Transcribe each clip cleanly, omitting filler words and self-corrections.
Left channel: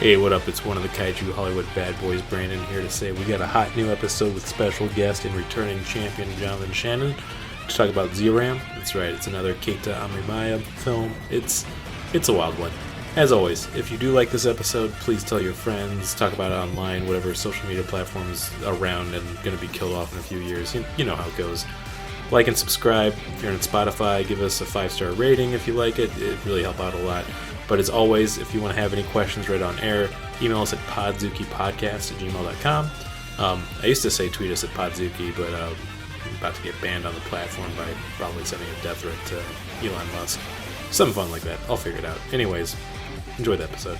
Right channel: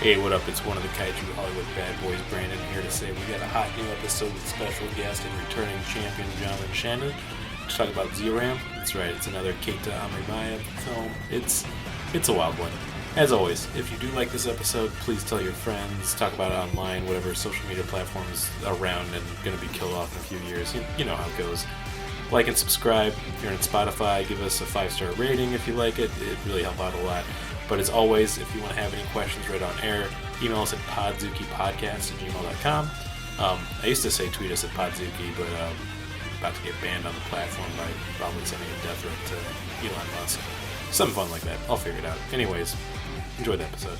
Hey, what up? It's one of the Kaiju Hollywood Bad Boys, Brandon, here to say we got a hot new episode with special guest and returning champion Jonathan Shannon to talk about Zeiram. That's right, it's another Keita Amemiya film. It's a wild one. As always, if you do like this episode, please tell your friends, talk about it online, whatever social media platforms around and going to be killed off in a few years. You know how it goes. Like and subscribe. If you're on Spotify, give us a 5-star rating if you like it. It really helps out a lot. But as always, if you want to have any questions right on air, email us at podzookypodcast@gmail.com. I used to say tweet us at Podzooky, but I'm about to get banned on the platform by probably sending a death threat to Elon Musk. Something fun like that. I'll figure it out. Anyways, enjoy the episode.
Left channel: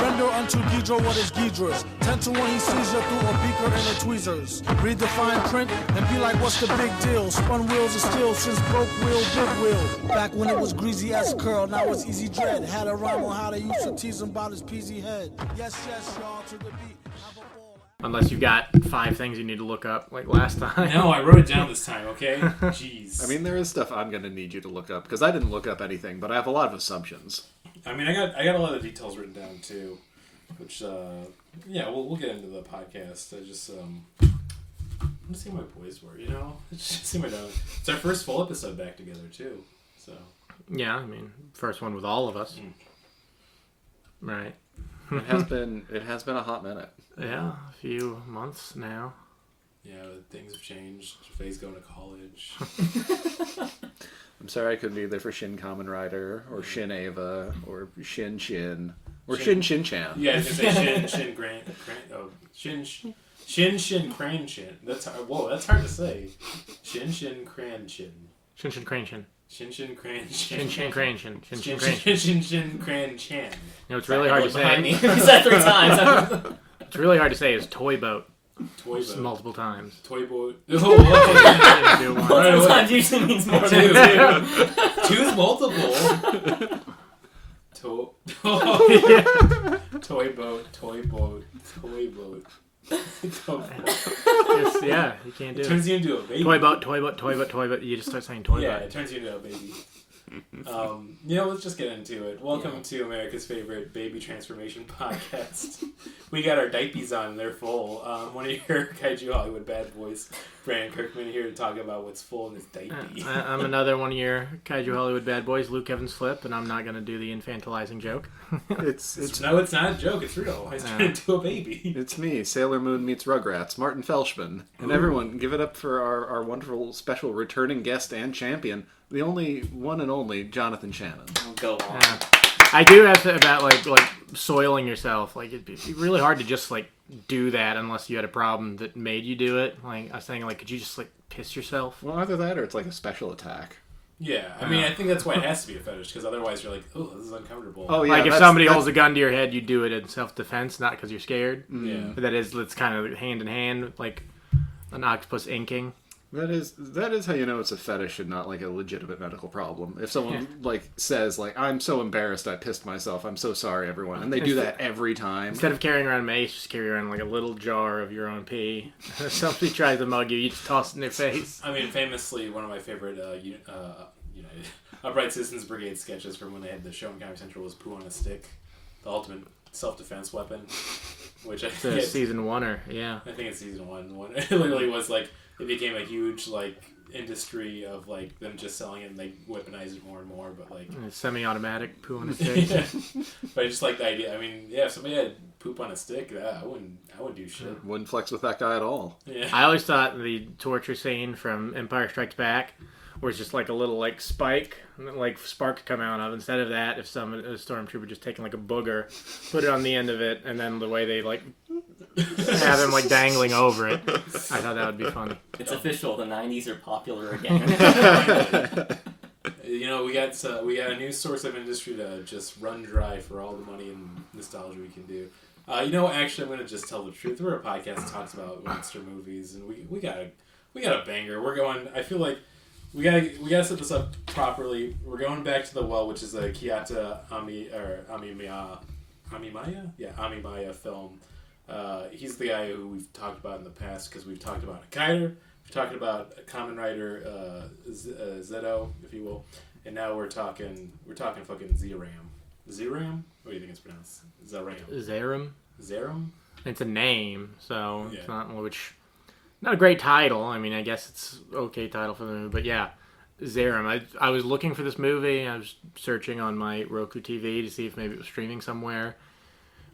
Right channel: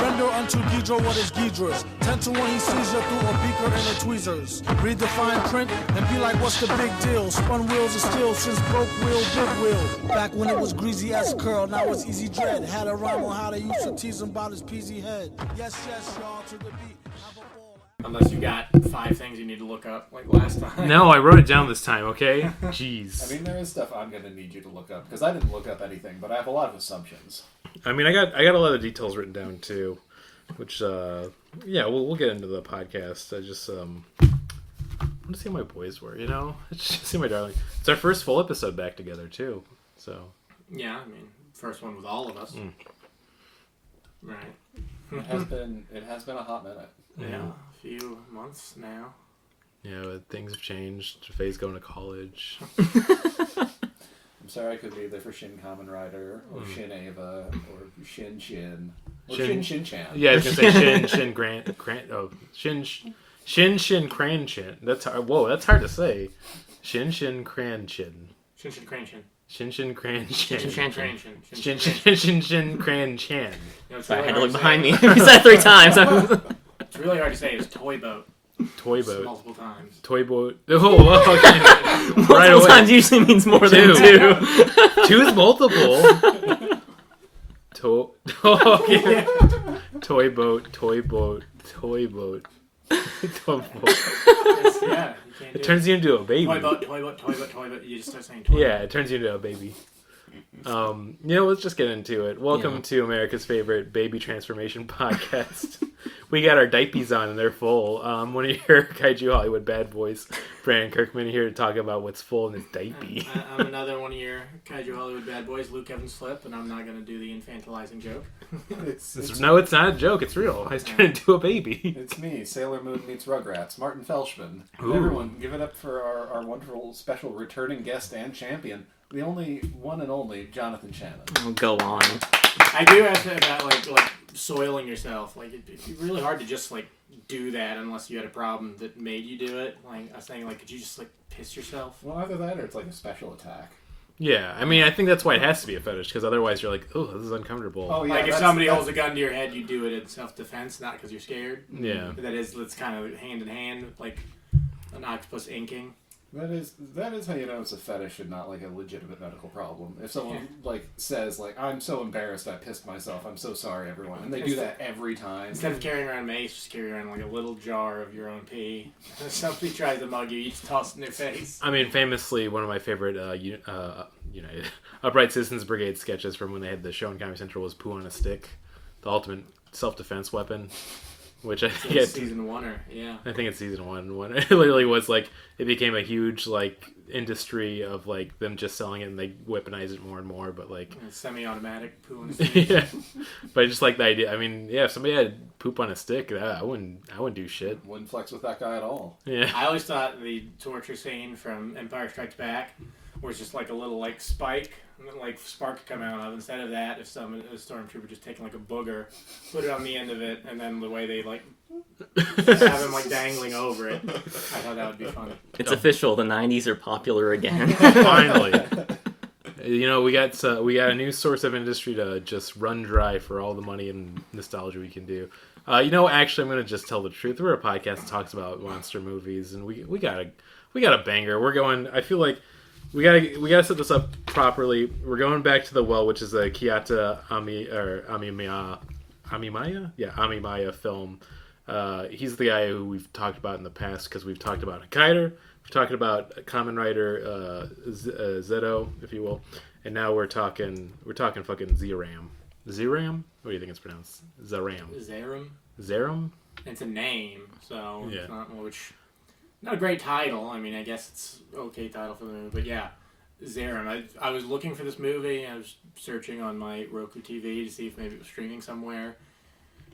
Render unto Ghidra what is Ghidra's. 10 to 1 he sees you through a beaker and a tweezers. Read the fine print and be like, what's the big deal? Spun wheels of steel since broke wheel, big wheel. Back when it was greasy as curl, now it's easy dread. Had a rhyme on how they used to tease him about his peasy head. Yes, y'all, to the beat. Have a ball. Unless you got 5 things you need to look up, like last time. No, I wrote it down this time, okay? Jeez. I mean, there is stuff I'm going to need you to look up, because I didn't look up anything, but I have a lot of assumptions. I mean, I got a lot of details written down too, which we'll get into the podcast. I just I want to see how my boys were, Just see my darling. It's our first full episode back together too, so Yeah, I mean, first one with all of us. Right. It has been a hot minute. Yeah, a few months now. Yeah, things have changed. Faye's going to college. I'm sorry I couldn't be there for Shin Kamen Rider, or Shin Ava, or Shin Shin, or Shin Shin Chan. Yeah, I was gonna say Shin Cran Chin. That's hard. Whoa, that's hard to say. Shin Cran Chin. Shin Crane Chin. Shin Cran Chin. Shin Crane Chin. Shin Cran Chan. No, it's really hard to say. Behind me. He said 3 times. It's really hard to say. It's toy boat. Toy boat. Multiple times. Toy boat. Oh, Multiple times usually means more than 2. 2 is multiple. Toy boat. Yeah, you can't do it. Turns you into a baby. Toy boat. You just start saying toy boat. Yeah, it turns you into a baby. Let's just get into it. Welcome to America's favorite baby transformation podcast. We got our diapies on and they're full. One of your Kaiju Hollywood Bad Boys, Brandon Kirkman, here to talk about what's full in his diaper. I'm another one of your Kaiju Hollywood Bad Boys, Luke Evans Flip, and I'm not going to do the infantilizing joke. It's not a joke. It's real. I was turned into a baby. It's me, Sailor Moon meets Rugrats, Martin Felshman. And everyone, give it up for our wonderful special returning guest and champion, the only one and only Jonathan Shannon. Go on. I do have to about like soiling yourself. Like it'd be really hard to just like do that unless you had a problem that made you do it. Like I was saying, like could you just like piss yourself? Well, either that or it's like a special attack. Yeah, I mean, I think that's why it has to be a fetish, because otherwise you're like, oh, this is uncomfortable. Oh yeah, like if somebody holds a gun to your head, you do it in self-defense, not because you're scared. Yeah, but it's kind of hand in hand, like an octopus inking. That is how you know it's a fetish and not like a legitimate medical problem. If someone says I'm so embarrassed I pissed myself, I'm so sorry everyone, and they do that every time. Instead of carrying around mace, just carry around like a little jar of your own pee. If somebody tries to mug you, you just toss it in their face. I mean, famously, one of my favorite United Upright Citizens Brigade sketches from when they had the show on Comedy Central was poo on a stick, the ultimate self-defense weapon. Which I think it's season 1 or I think it's season 1. It literally was like it became a huge like industry of like them just selling it and they weaponize it more and more. But like semi-automatic poo on a stick. Yeah. But I just like the idea. I mean, yeah, if somebody had poop on a stick, I wouldn't do shit. Wouldn't flex with that guy at all. Yeah. I always thought the torture scene from Empire Strikes Back was just like a little like spike, like spark could come out of. Instead of that, if a stormtrooper just taking like a booger, put it on the end of it, and then the way they like have him like dangling over it, I thought that would be fun. It's official. The 90s are popular again. Finally. We got a new source of industry to just run dry for all the money and nostalgia we can do. Actually, I'm gonna just tell the truth. We're a podcast that talks about monster movies, and we got a banger. We're going. I feel like. We gotta set this up properly. We're going back to the well, which is a Keita Amemiya film. He's the guy who we've talked about in the past because we've talked about Kaiju, we've talked about Kamen Rider Zeto, if you will, and now we're talking fucking Zeiram. Zeiram? What do you think it's pronounced? Zeiram. Zeiram. Zeiram? It's a name, so Yeah. it's not a great title. I mean, I guess it's okay title for the movie, but yeah, Zeiram. I was looking for this movie. I was searching on my Roku TV to see if maybe it was streaming somewhere,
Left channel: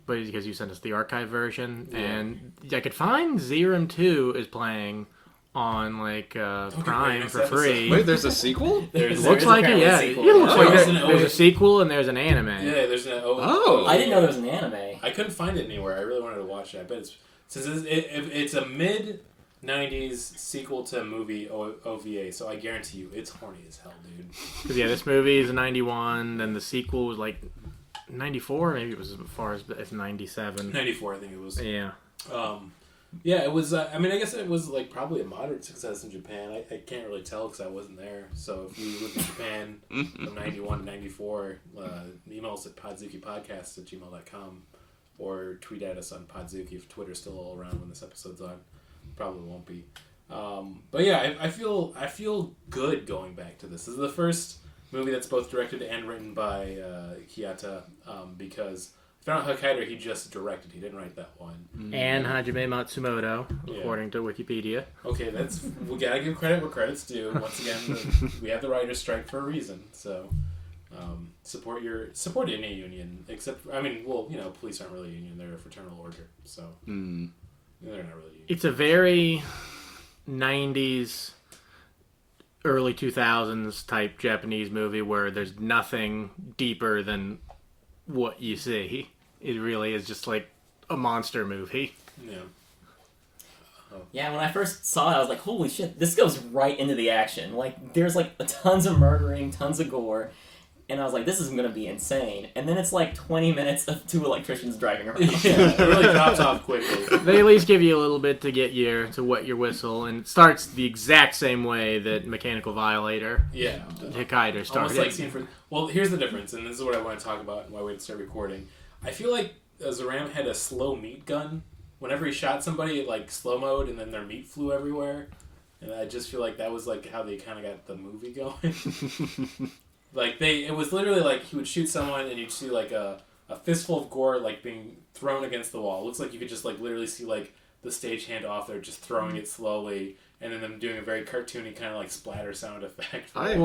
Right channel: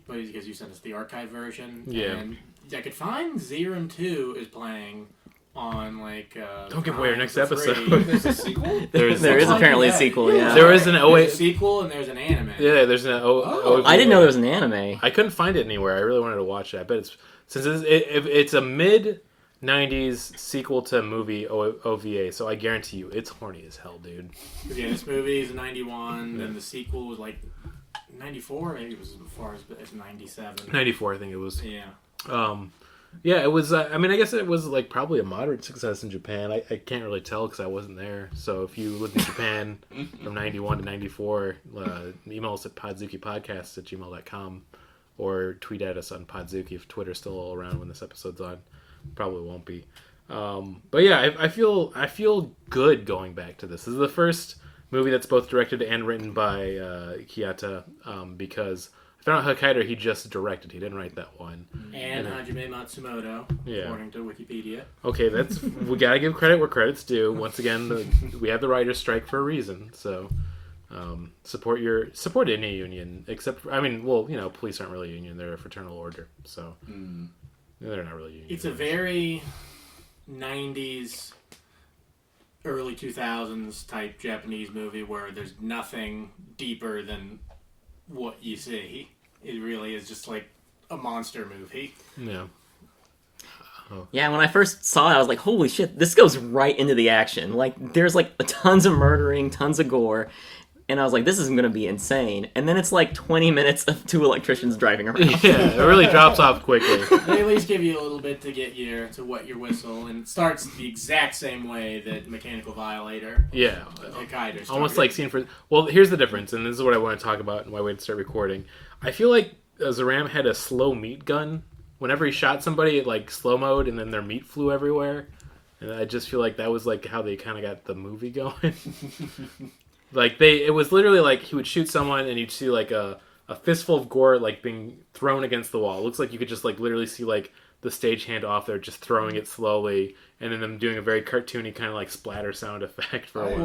but because you sent us the archive version, and I could find Zeiram 2 is playing on Don't give away Prime your next for episode. free. Wait, there's a sequel? There is Looks like apparently it, a yeah. sequel. Yeah, Yeah. There is an there's a sequel and there's an anime. Yeah, there's an I didn't know there was an anime. I couldn't find it anywhere. I really wanted to watch it. I bet it's a mid '90s sequel to a movie OVA, so I guarantee you it's horny as hell, dude. 'Cause, yeah, this movie is 91, then the sequel was like 94. Maybe it was as far as 97. '94, I think it was. Yeah. Yeah, it was. I mean, I guess it was like probably a moderate success in Japan. I can't really tell because I wasn't there. So if you lived in Japan from '91 to '94, email us at podzookipodcast@gmail.com or tweet at us on Podzooky if Twitter's still around when this episode's on. Probably won't be. But yeah, I feel good going back to this. This is the first movie that's both directed and written by Keita because I found out Hokkaido he just directed. He didn't write that one. And Hajime Matsumoto, Yeah. according to Wikipedia. Okay, we gotta give credit where credit's due. Once again, we have the writers' strike for a reason. So support any union, except police aren't really a union; they're a fraternal order. So they're not really union. It's a very 90s, early 2000s type Japanese movie where there's nothing deeper than what you see. It really is just like a monster movie. Yeah. Yeah, when I first saw it, I was like, holy shit, this goes right into the action. Like, there's like tons of murdering, tons of gore. And I was like, this is going to be insane. And then it's like 20 minutes of two electricians driving around. Yeah, it really drops off quickly. They at least give you a little bit to wet your whistle, and it starts the exact same way that Mechanical Violator. Yeah. Hokkaido started. Almost like scene for... Well, here's the difference, and this is what I want to talk about and why we had to start recording. I feel like Zeiram had a slow meat gun. Whenever he shot somebody, it like slow-mode, and then their meat flew everywhere. And I just feel like that was like how they kind of got the movie going. Like it was literally like he would shoot someone and you'd see like a fistful of gore like being thrown against the wall. It looks like you could just like literally see like the stagehand off there just throwing it slowly, and then them doing a very cartoony kind of like splatter sound effect. I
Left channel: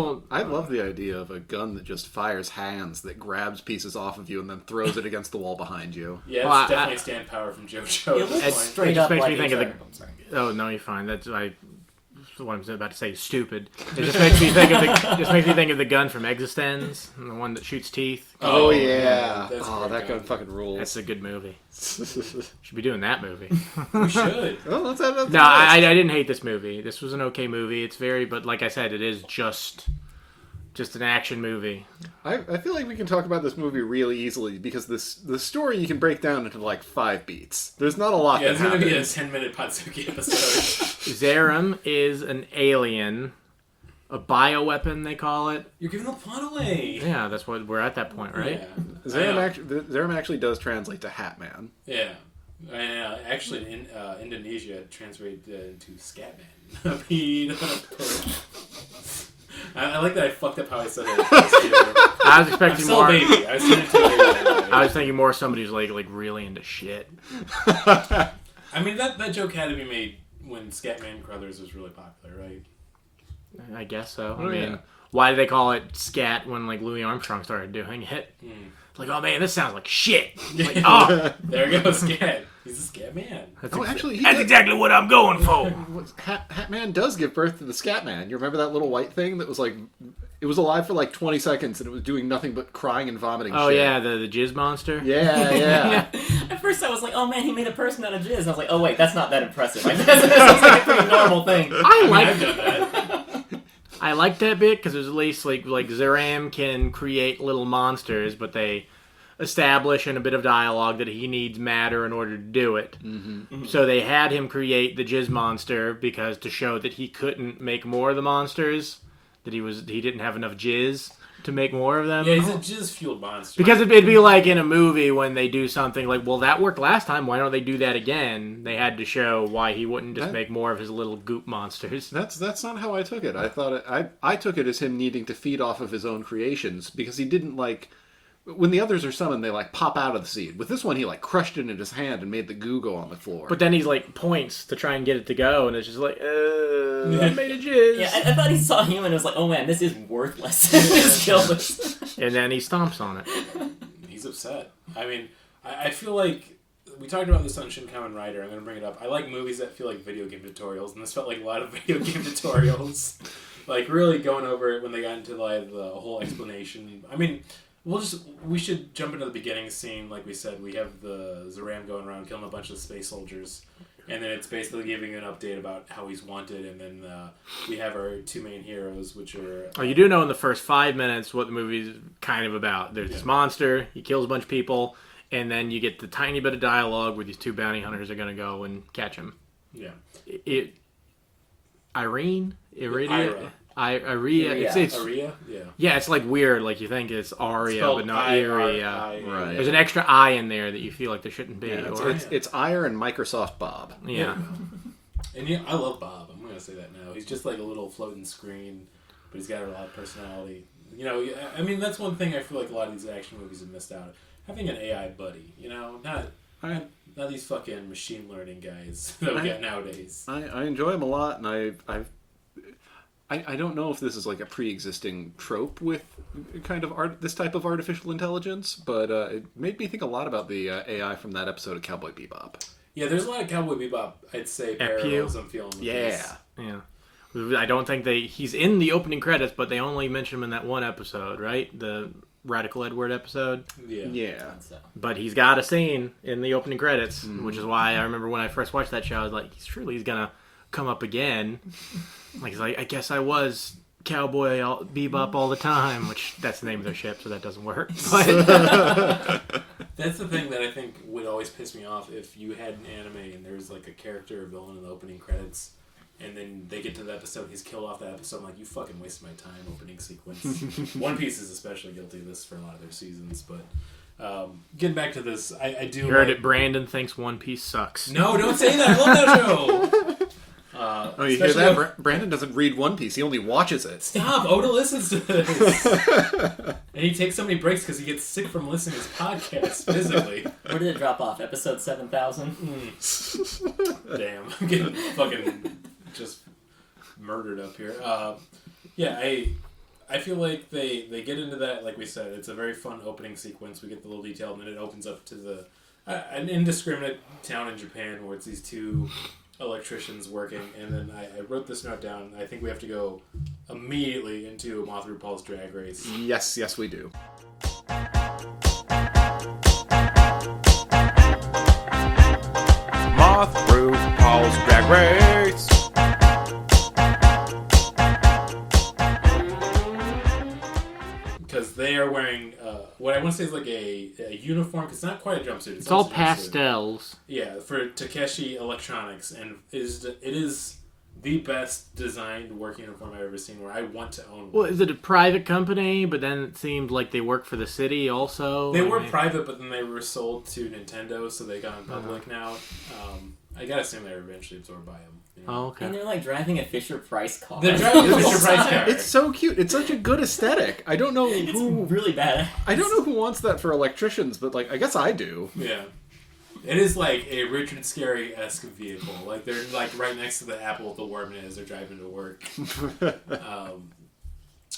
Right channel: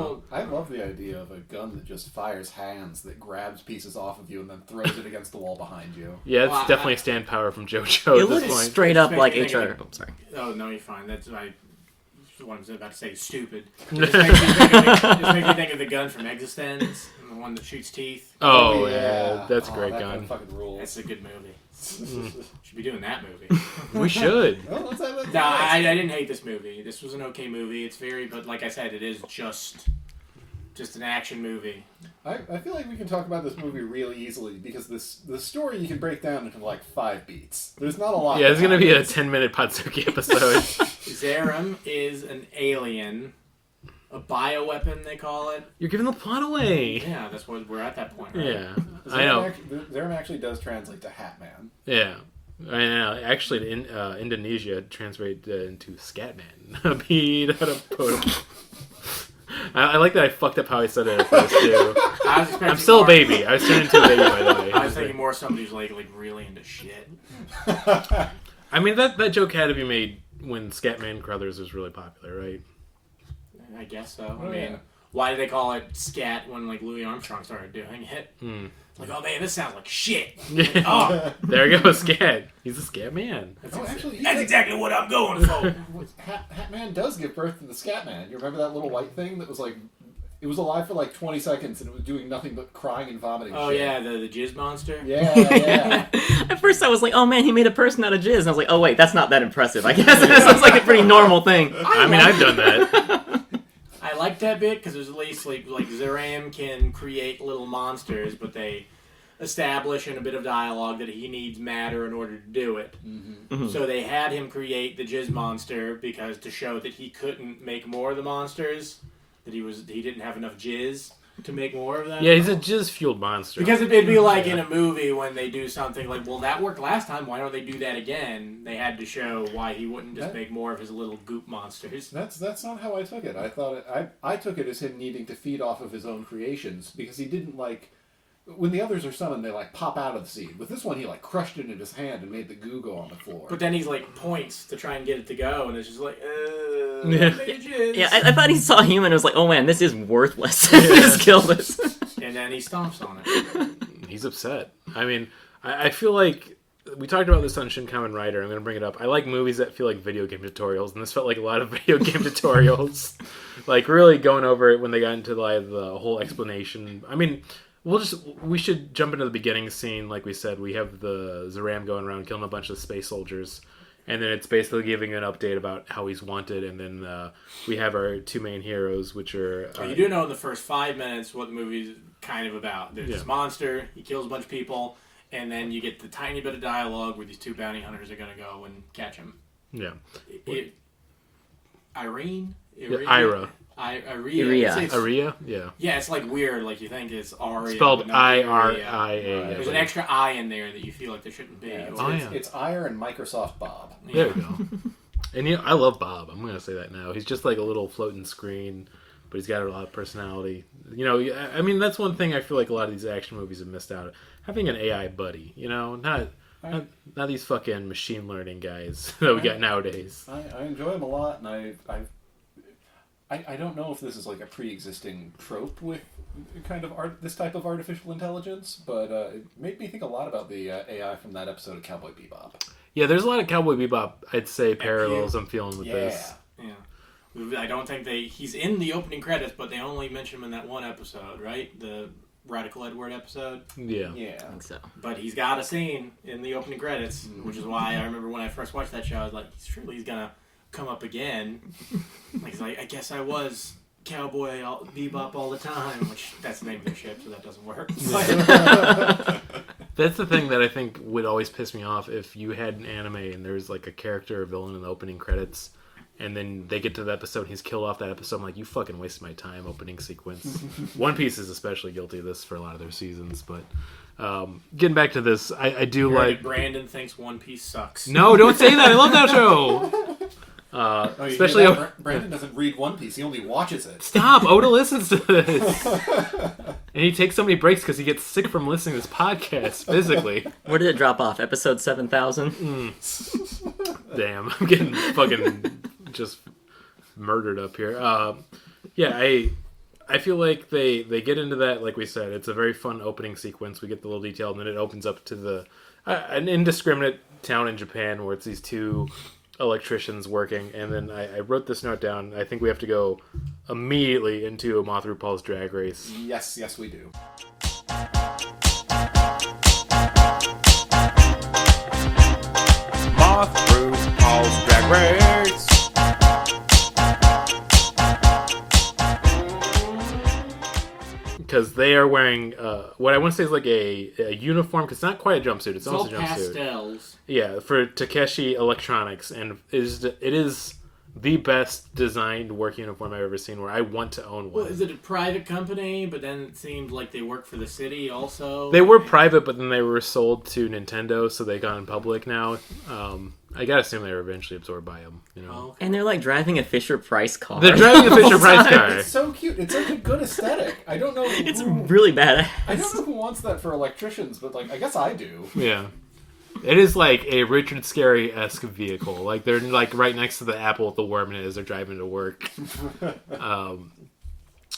love the idea of a gun that just fires hands that grabs pieces off of you and then throws it against the wall behind you. Yeah, it's Well, definitely stand power from JoJo It at looks this point. straight up Makes like me think of HR. it. Oh, sorry. Oh no, you're fine. That's what I'm about to say. Stupid. It just makes me think of the gun from Existenz, and the one that shoots teeth. Oh, yeah. That's a great that gun. gun fucking rules. That's a good movie. Should be doing that movie. We should. Oh, let's have that. No, I didn't hate this movie. This was an okay movie. It's but like I said, it is just an action movie. I feel like we can talk about this movie really easily because the story you can break down into like 5 beats. There's not a lot. Yeah, it's going to be a happens. 10-minute Podzooky episode. Zeiram is an alien, a bioweapon they call it. You're giving the plot away. Yeah, that's what we're at that point, right? Yeah. I know. Zeiram actually does translate to Hat Man. Yeah. I know. Actually, in Indonesia, translated into Scatman. I like that I fucked up how I said it at first, too. I was expecting I'm still more, a baby. I was turning into a baby, by the way. I was thinking more somebody who's like really into shit. I mean, that joke had to be made when Scatman Crothers was really popular, right? I guess so. Oh, I mean, yeah. why did they call it scat when like Louis Armstrong started doing it? It's like, oh man, this sounds like shit. Like, oh, There goes Scat. He's a Scat Man. Oh, actually, he that's did- exactly what I'm going for. Hat Man does give birth to the Scat Man. You remember that little white thing that was like, it was alive for like 20 seconds and it was doing nothing but crying and vomiting. Oh shit. yeah, the jizz monster. Yeah. At first I was like, oh man, he made a person out of jizz. And I was like, oh wait, that's not that impressive. I guess this sounds like a pretty normal thing. I mean, I've done that. I like that bit because there's at least like Zeiram can create little monsters, but they establish in a bit of dialogue that he needs matter in order to do it. Mm-hmm. So they had him create the jizz monster because to show that he couldn't make more of the monsters, that he didn't have enough jizz to make more of them. Yeah, he's a jizz-fueled monster. Because it'd be like in a movie when they do something like, well, that worked last time, why don't they do that again? They had to show why he wouldn't just make more of his little goop monsters. That's not how I took it. I thought I took it as him needing to feed off of his own creations because he didn't like when the others are summoned, they like pop out of the seed. With this one, he like crushed it in his hand and made the goo go on the floor. But then he's like points to try and get it to go, and it's just like, I made jizz. Yeah, I thought he saw a human and was like, oh man, this is worthless. Just kill this. And then he stomps on it. He's upset. I mean, I feel like we talked about this on Shin Kamen Rider. I'm going to bring it up. I like movies that feel like video game tutorials, and this felt like a lot of video game tutorials. Like, really going over it when they got into like the whole explanation. I mean, we should jump into the beginning scene. Like we said, we have the Zeiram going around killing a bunch of space soldiers. And then it's basically giving an update about how he's wanted. And then we have our two main heroes, which are... you do know in the first 5 minutes what the movie's kind of about. There's this monster, he kills a bunch of people, and then you get the tiny bit of dialogue where these two bounty hunters are going to go and catch him. Yeah. Ira? Aria? Yeah. Yeah, it's like weird. Like you think it's Aria, Spelled but not Aria. I-R-I-A. There's an extra I in there that you feel like there shouldn't be. Yeah, it's Ire and Microsoft Bob. There we go. And I love Bob. I'm going to say that now. He's just like a little floating screen, but he's got a lot of personality. You know, I mean, that's one thing I feel like a lot of these action movies have missed out on. Having an AI buddy, you know, not these fucking machine learning guys that we got nowadays. I enjoy him a lot, and I don't know if this is like a pre-existing trope with kind of this type of artificial intelligence, but it made me think a lot about the AI from that episode of Cowboy Bebop. Yeah, there's a lot of Cowboy Bebop, I'd say, parallels I'm feeling with this. Yeah. I don't think he's in the opening credits, but they only mention him in that one episode, right? The Radical Edward episode. Yeah. I think so. But he's got a scene in the opening credits, which is why I remember when I first watched that show, I was like, he's gonna come up again. Like, he's like, I guess I was Cowboy Bebop all the time, which that's the name of their ship, so that doesn't work. But that's the thing that I think would always piss me off if you had an anime and there's like a character or villain in the opening credits, and then they get to the episode and he's killed off that episode. I'm like, you fucking wasted my time opening sequence. One Piece is especially guilty of this for a lot of their seasons, but getting back to this, I do heard like... it, Brandon thinks One Piece sucks. No, don't say that! I love that show! Especially that? Brandon doesn't read One Piece, he only watches it. Stop! Oda listens to this! And he takes so many breaks because he gets sick from listening to this podcast, physically. Where did it drop off? Episode 7,000? Damn, I'm getting fucking just murdered up here. Yeah, I feel like they get into that, like we said, it's a very fun opening sequence. We get the little detail, and then it opens up to an indiscriminate town in Japan where it's these two electricians working, and then I wrote this note down. I think we have to go immediately into Moth RuPaul's Drag Race. Yes, we do. Moth RuPaul's Drag Race. Because they are wearing what I want to say is like a uniform, because it's not quite a jumpsuit. It's all a jumpsuit. pastels. Yeah, for Takeshi Electronics, and it is the best designed work uniform I've ever seen, where I want to own one. Well, is it a private company, but then it seemed like they work for the city also? They were private, but then they were sold to Nintendo, so they got in public now. I gotta assume they were eventually absorbed by them. You know? Oh, okay. And they're like driving a Fisher-Price car. They're driving a Fisher-Price car. It's so cute. It's such a good aesthetic. I don't know. It's really badass. I don't know who wants that for electricians, but like, I guess I do. Yeah. It is like a Richard Scarry-esque vehicle. Like, they're like right next to the apple with the worm in it as they're driving to work.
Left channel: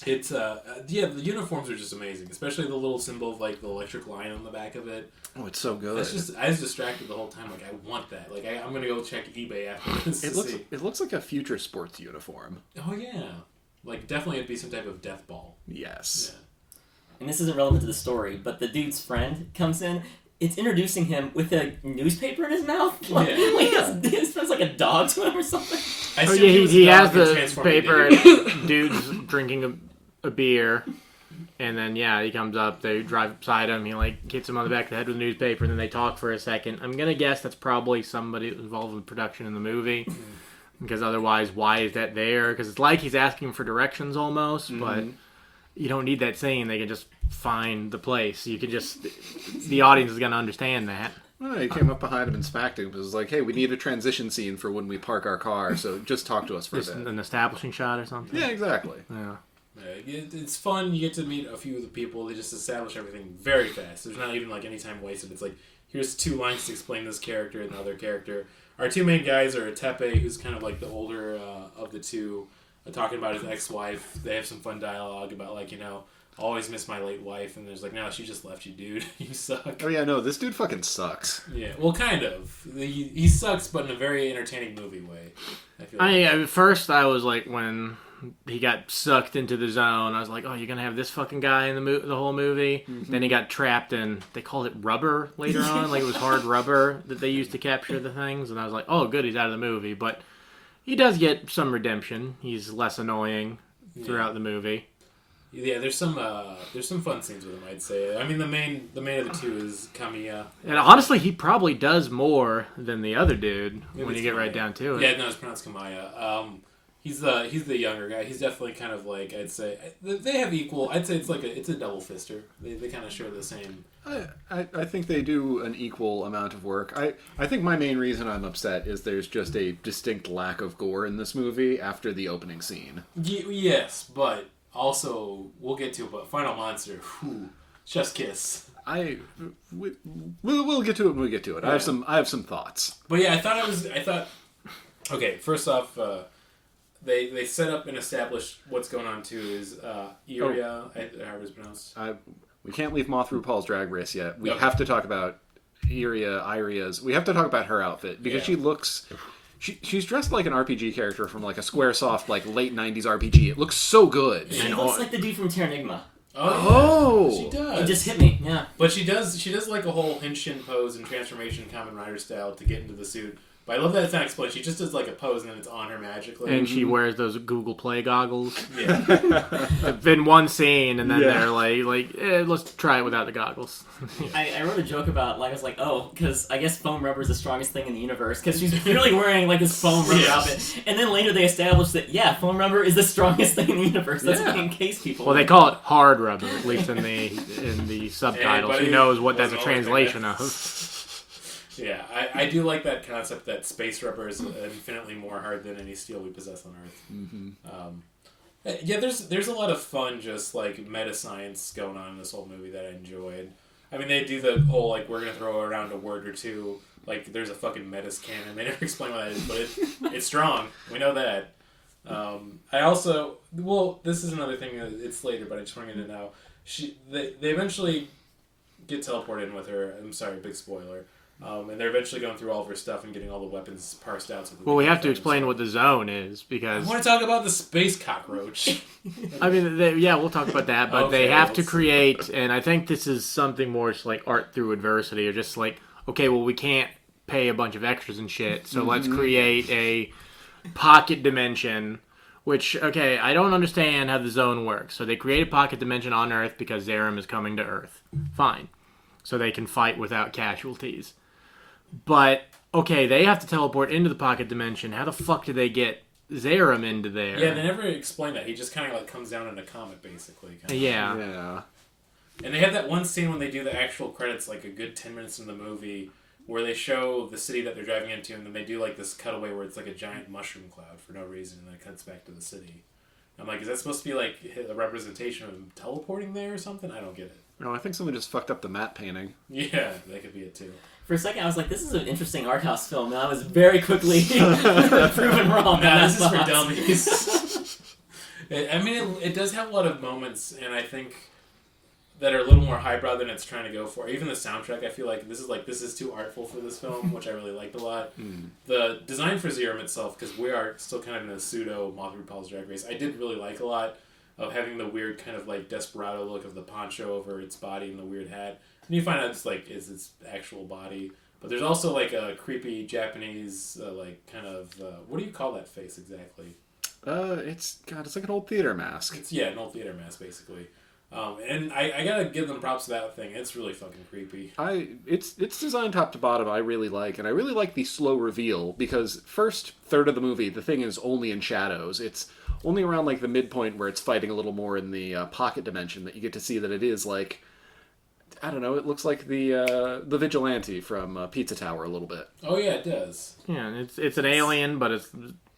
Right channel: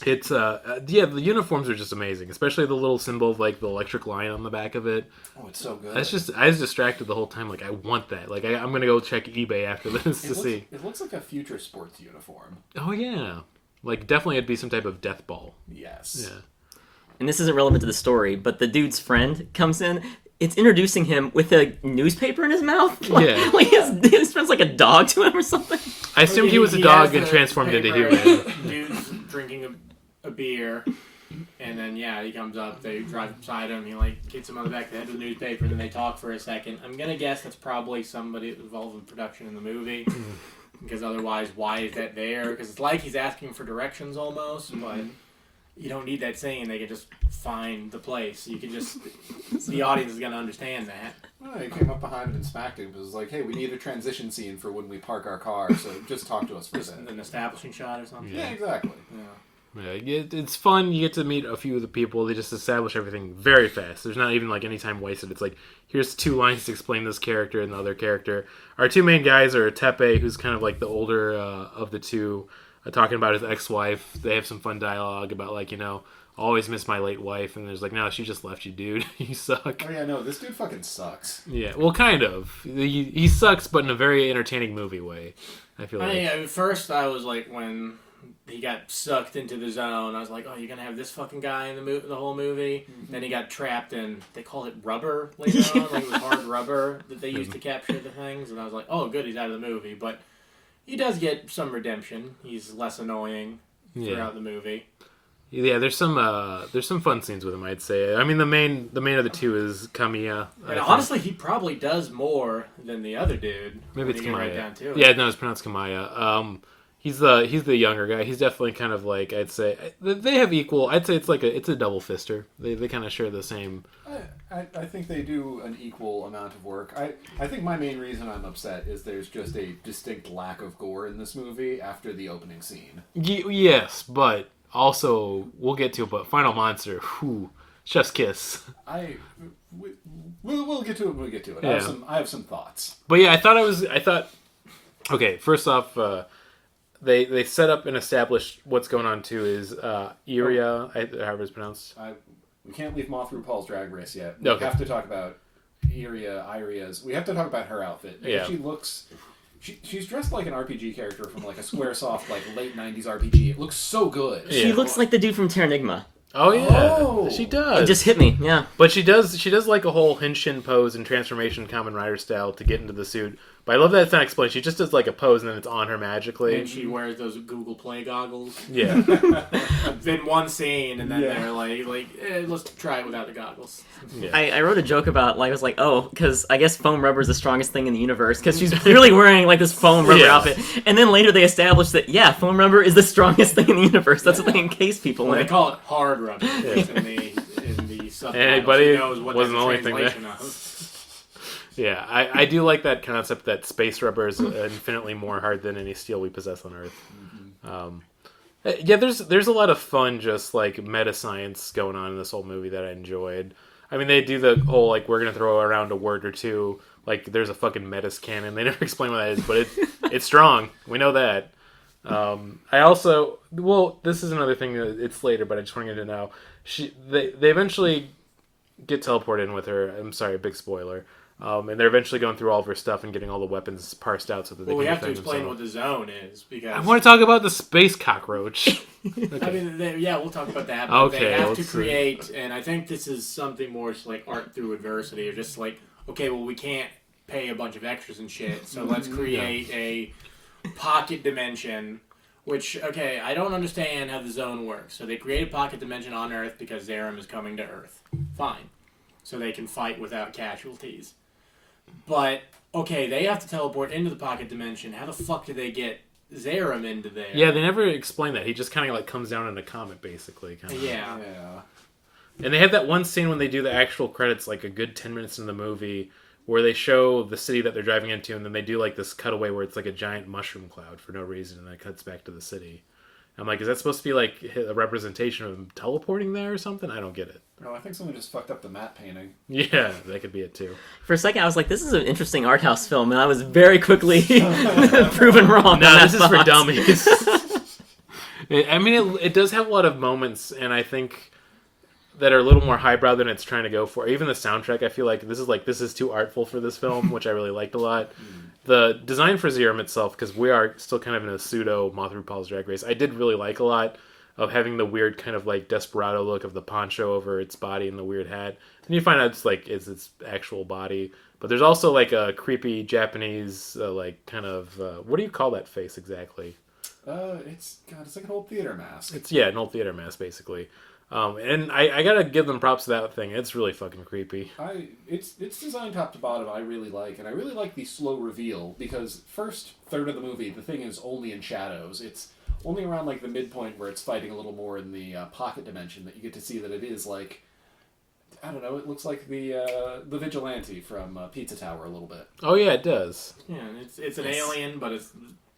It's the uniforms are just amazing, especially the little symbol of like the electric line on the back of it. Oh, it's so good. That's just, I was distracted the whole time. Like, I want that. Like, I'm gonna go check eBay after this to see. It looks like a future sports uniform. Oh yeah, like definitely it'd be some type of death ball. Yes. Yeah. And this isn't relevant to the story, but the dude's friend comes in. It's introducing him with a newspaper in his mouth. Like, Yeah. like his friend's like a dog to him or something. I assume he was a dog that transformed into a human. Dude's drinking a beer, and then he comes up. They drive beside him. He like hits him on the back of the head with a newspaper, and then they talk for a second. I'm gonna guess that's probably somebody involved in production in the movie, because otherwise, why is that there? Because it's like he's asking for directions almost, but you don't need that saying. They can just find the place. You could just the audience is gonna understand that. Well, he came up behind him and smacked him. It was like, hey, we need a transition scene for when we park our car, so just talk to us for a Just bit. an establishing shot or something. Yeah, exactly. Yeah. It's fun. You get to meet a few of the people. They just establish everything very fast. There's not even like any time wasted. It's like, here's 2 lines to explain this character and the other character. Our 2 main guys are Tepe, who's kind of like the older of the 2, talking about his ex-wife. They have some fun dialogue about like, always miss my late wife, and there's like, no, she just left you, dude. You suck. Oh yeah, no, this dude fucking sucks. Yeah, well, kind of. He sucks, but in a very entertaining movie way. I feel like. At first, I was like, when he got sucked into the zone, I was like, oh, you're gonna have this fucking guy in the whole movie. Mm-hmm. Then he got trapped in, they called it rubber later on, like it was hard rubber that they used to capture the things, and I was like, oh, good, he's out of the movie. But he does get some redemption. He's less annoying throughout the movie. Yeah, there's some fun scenes with him, I'd say. I mean, the main of the 2 is Kamiya. And honestly, he probably does more than the other dude. Maybe when you get right down to it. Yeah, no, it's pronounced Kamaya. He's the younger guy. He's definitely kind of like, I'd say they have equal. I'd say it's a double fister. They kind of share the same. I think they do an equal amount of work. I think my main reason I'm upset is there's just a distinct lack of gore in this movie after the opening scene. Yes, but also we'll get to it. But Final Monster, whew, chef's kiss. We'll get to it when we get to it. Yeah. I have some thoughts. But yeah, I thought. Okay, first off. They set up and established what's going on too is Iria, however it's pronounced. We can't leave Moth RuPaul's Drag Race yet. We have to talk about Iria's. We have to talk about her outfit because she looks. She's dressed like an RPG character from like a SquareSoft like late '90s RPG. It looks so good. She looks like the dude from Terranigma. Oh yeah, she does. It just hit me, yeah. But she does like a whole Henshin pose and transformation Kamen Rider style to get into the suit. But I love that it's not explained. She just does like a pose and then it's on her magically. And she wears those Google Play goggles. Yeah. In one scene, and then they're like, let's try it without the goggles. Yeah. I wrote a joke about, like, I was like, oh, because I guess foam rubber is the strongest thing in the universe, because she's clearly wearing, like, this foam rubber outfit. And then later they established that, foam rubber is the strongest thing in the universe. That's what they encase people Well, in. they call it hard rubber, at least in the subtitles. Anybody Who knows what that's a wasn't the only thing translation of. Yeah, I do like that concept that space rubber is infinitely more hard than any steel we possess on Earth. Mm-hmm. There's a lot of fun, just like meta science going on in this whole movie that I enjoyed. I mean, they do the whole like we're gonna throw around a word or two. Like there's a fucking metis cannon. They never explain what that is, but it's strong. We know that. I also this is another thing. It's later, but I just wanted to know. They eventually get teleported in with her. I'm sorry, big spoiler. And they're eventually going through all of her stuff and getting all the weapons parsed out. So that we have to explain what the zone is, because I want to talk about the space cockroach. I mean, we'll talk about that. But they have to create, and I think this is something more just like art through adversity, or just like, okay, well, we can't pay a bunch of extras and shit, so let's create a pocket dimension. Which, okay, I don't understand how the zone works. So they create a pocket dimension on Earth because Zeiram is coming to Earth. Fine. So they can fight without casualties. But, okay, they have to teleport into the pocket dimension. How the fuck do they get Zeiram into there? Yeah, they never explain that. He just kind of like comes down in a comet, basically. Yeah. And they have that one scene when they do the actual credits, like a good 10 minutes in the movie, where they show the city that they're driving into, and then they do like this cutaway where it's like a giant mushroom cloud for no reason, and then it cuts back to the city. I'm like, is that supposed to be like a representation of them teleporting there or something? I don't get it. No, I think someone just fucked up the matte painting. Yeah, that could be it too. For a second, I was like, this is an interesting art house film, and I was very quickly proven wrong. No, this is for dummies. I mean, it does have a lot of moments, and I think that are a little more highbrow than it's trying to go for. Even the soundtrack, I feel like this is too artful for this film, which I really liked a lot. The design for Zeiram itself, because we are still kind of in a pseudo Moth RuPaul's Drag Race, I did really like a lot of having the weird kind of like desperado look of the poncho over its body and the weird hat. And you find out it's like it's its actual body. But there's also like a creepy Japanese like kind of what do you call that face exactly? It's like an old theater mask. It's an old theater mask basically. And I gotta give them props to that thing. It's really fucking creepy. It's designed top to bottom. I really like, and I really like the slow reveal because first third of the movie, the thing is only in shadows. It's only around like the midpoint where it's fighting a little more in the pocket dimension that you get to see that it is like, I don't know. It looks like the vigilante from Pizza Tower a little bit. Oh yeah, it does. Yeah, it's an alien, but it's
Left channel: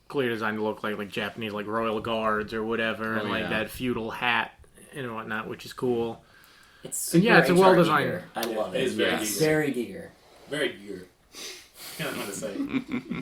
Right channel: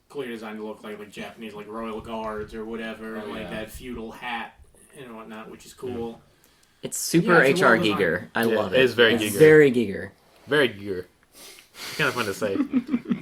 clearly designed to look like Japanese like royal guards or whatever, that feudal hat and whatnot, which is cool. It's super it's HR well-designed. Giger. I love it. It is very It's Giger. very Giger. Very Giger. Kind of fun to say.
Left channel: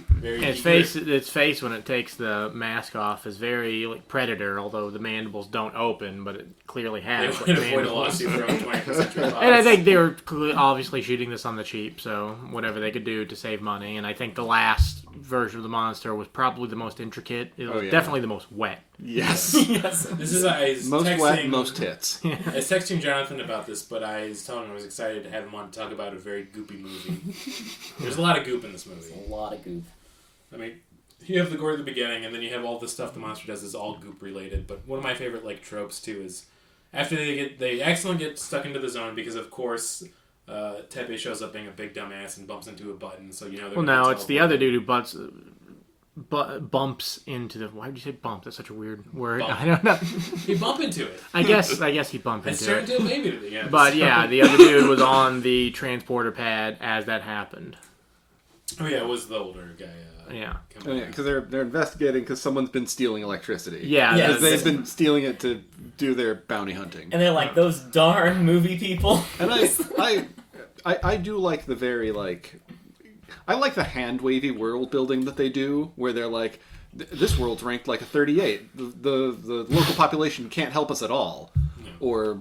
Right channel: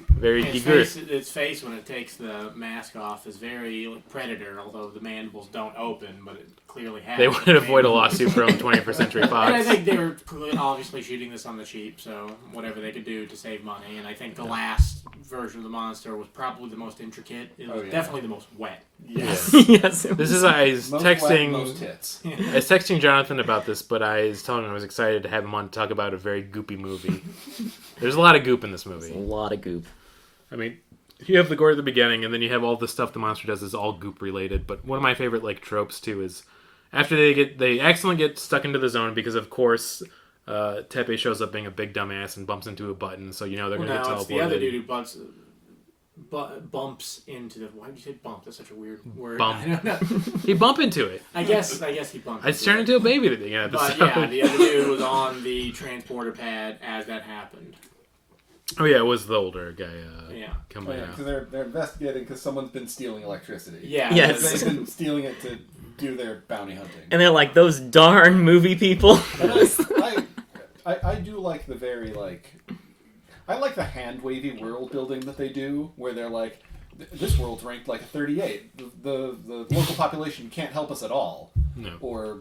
Very Its Giger. its face when it takes the mask off is very like Predator, although the mandibles don't open, but it clearly has. They would avoid a lawsuit from 21st Century Fox. And I think they were obviously shooting this on the cheap, so whatever they could do to save money. And I think the last version of the monster was probably the most intricate. It was definitely the most wet. Yes. Yes. This is I was Most texting wet, most tits. I was texting Jonathan about this, but I was telling him I was excited to have him on to talk about a very goopy movie. There's a lot of goop in this A movie. lot of goop. I mean, you have the gore at the beginning, and then you have all the stuff the monster does is all goop related. But one of my favorite like tropes too is after they accidentally get stuck into the zone because of course Tepe shows up being a big dumbass and bumps into a button, so you know they're Well, gonna no, get it's the teleported. other dude who bumps into the. Why would you say bump? That's such a weird word. Bump. I don't know. He bump into it. I guess he bumped. It's into turned it. into a baby at the end. But yeah, the other dude was on the transporter pad as that happened. Oh yeah, it was the older guy. Yeah. Coming Oh, yeah, out. because they're investigating because someone's been stealing electricity. Yeah. Yes. They've been stealing it to do their bounty hunting. And they're like, those darn movie people. And I do like the very like I like the hand wavy world building that they do where they're like this world's ranked like a 38. The local population can't help us at all. No. Or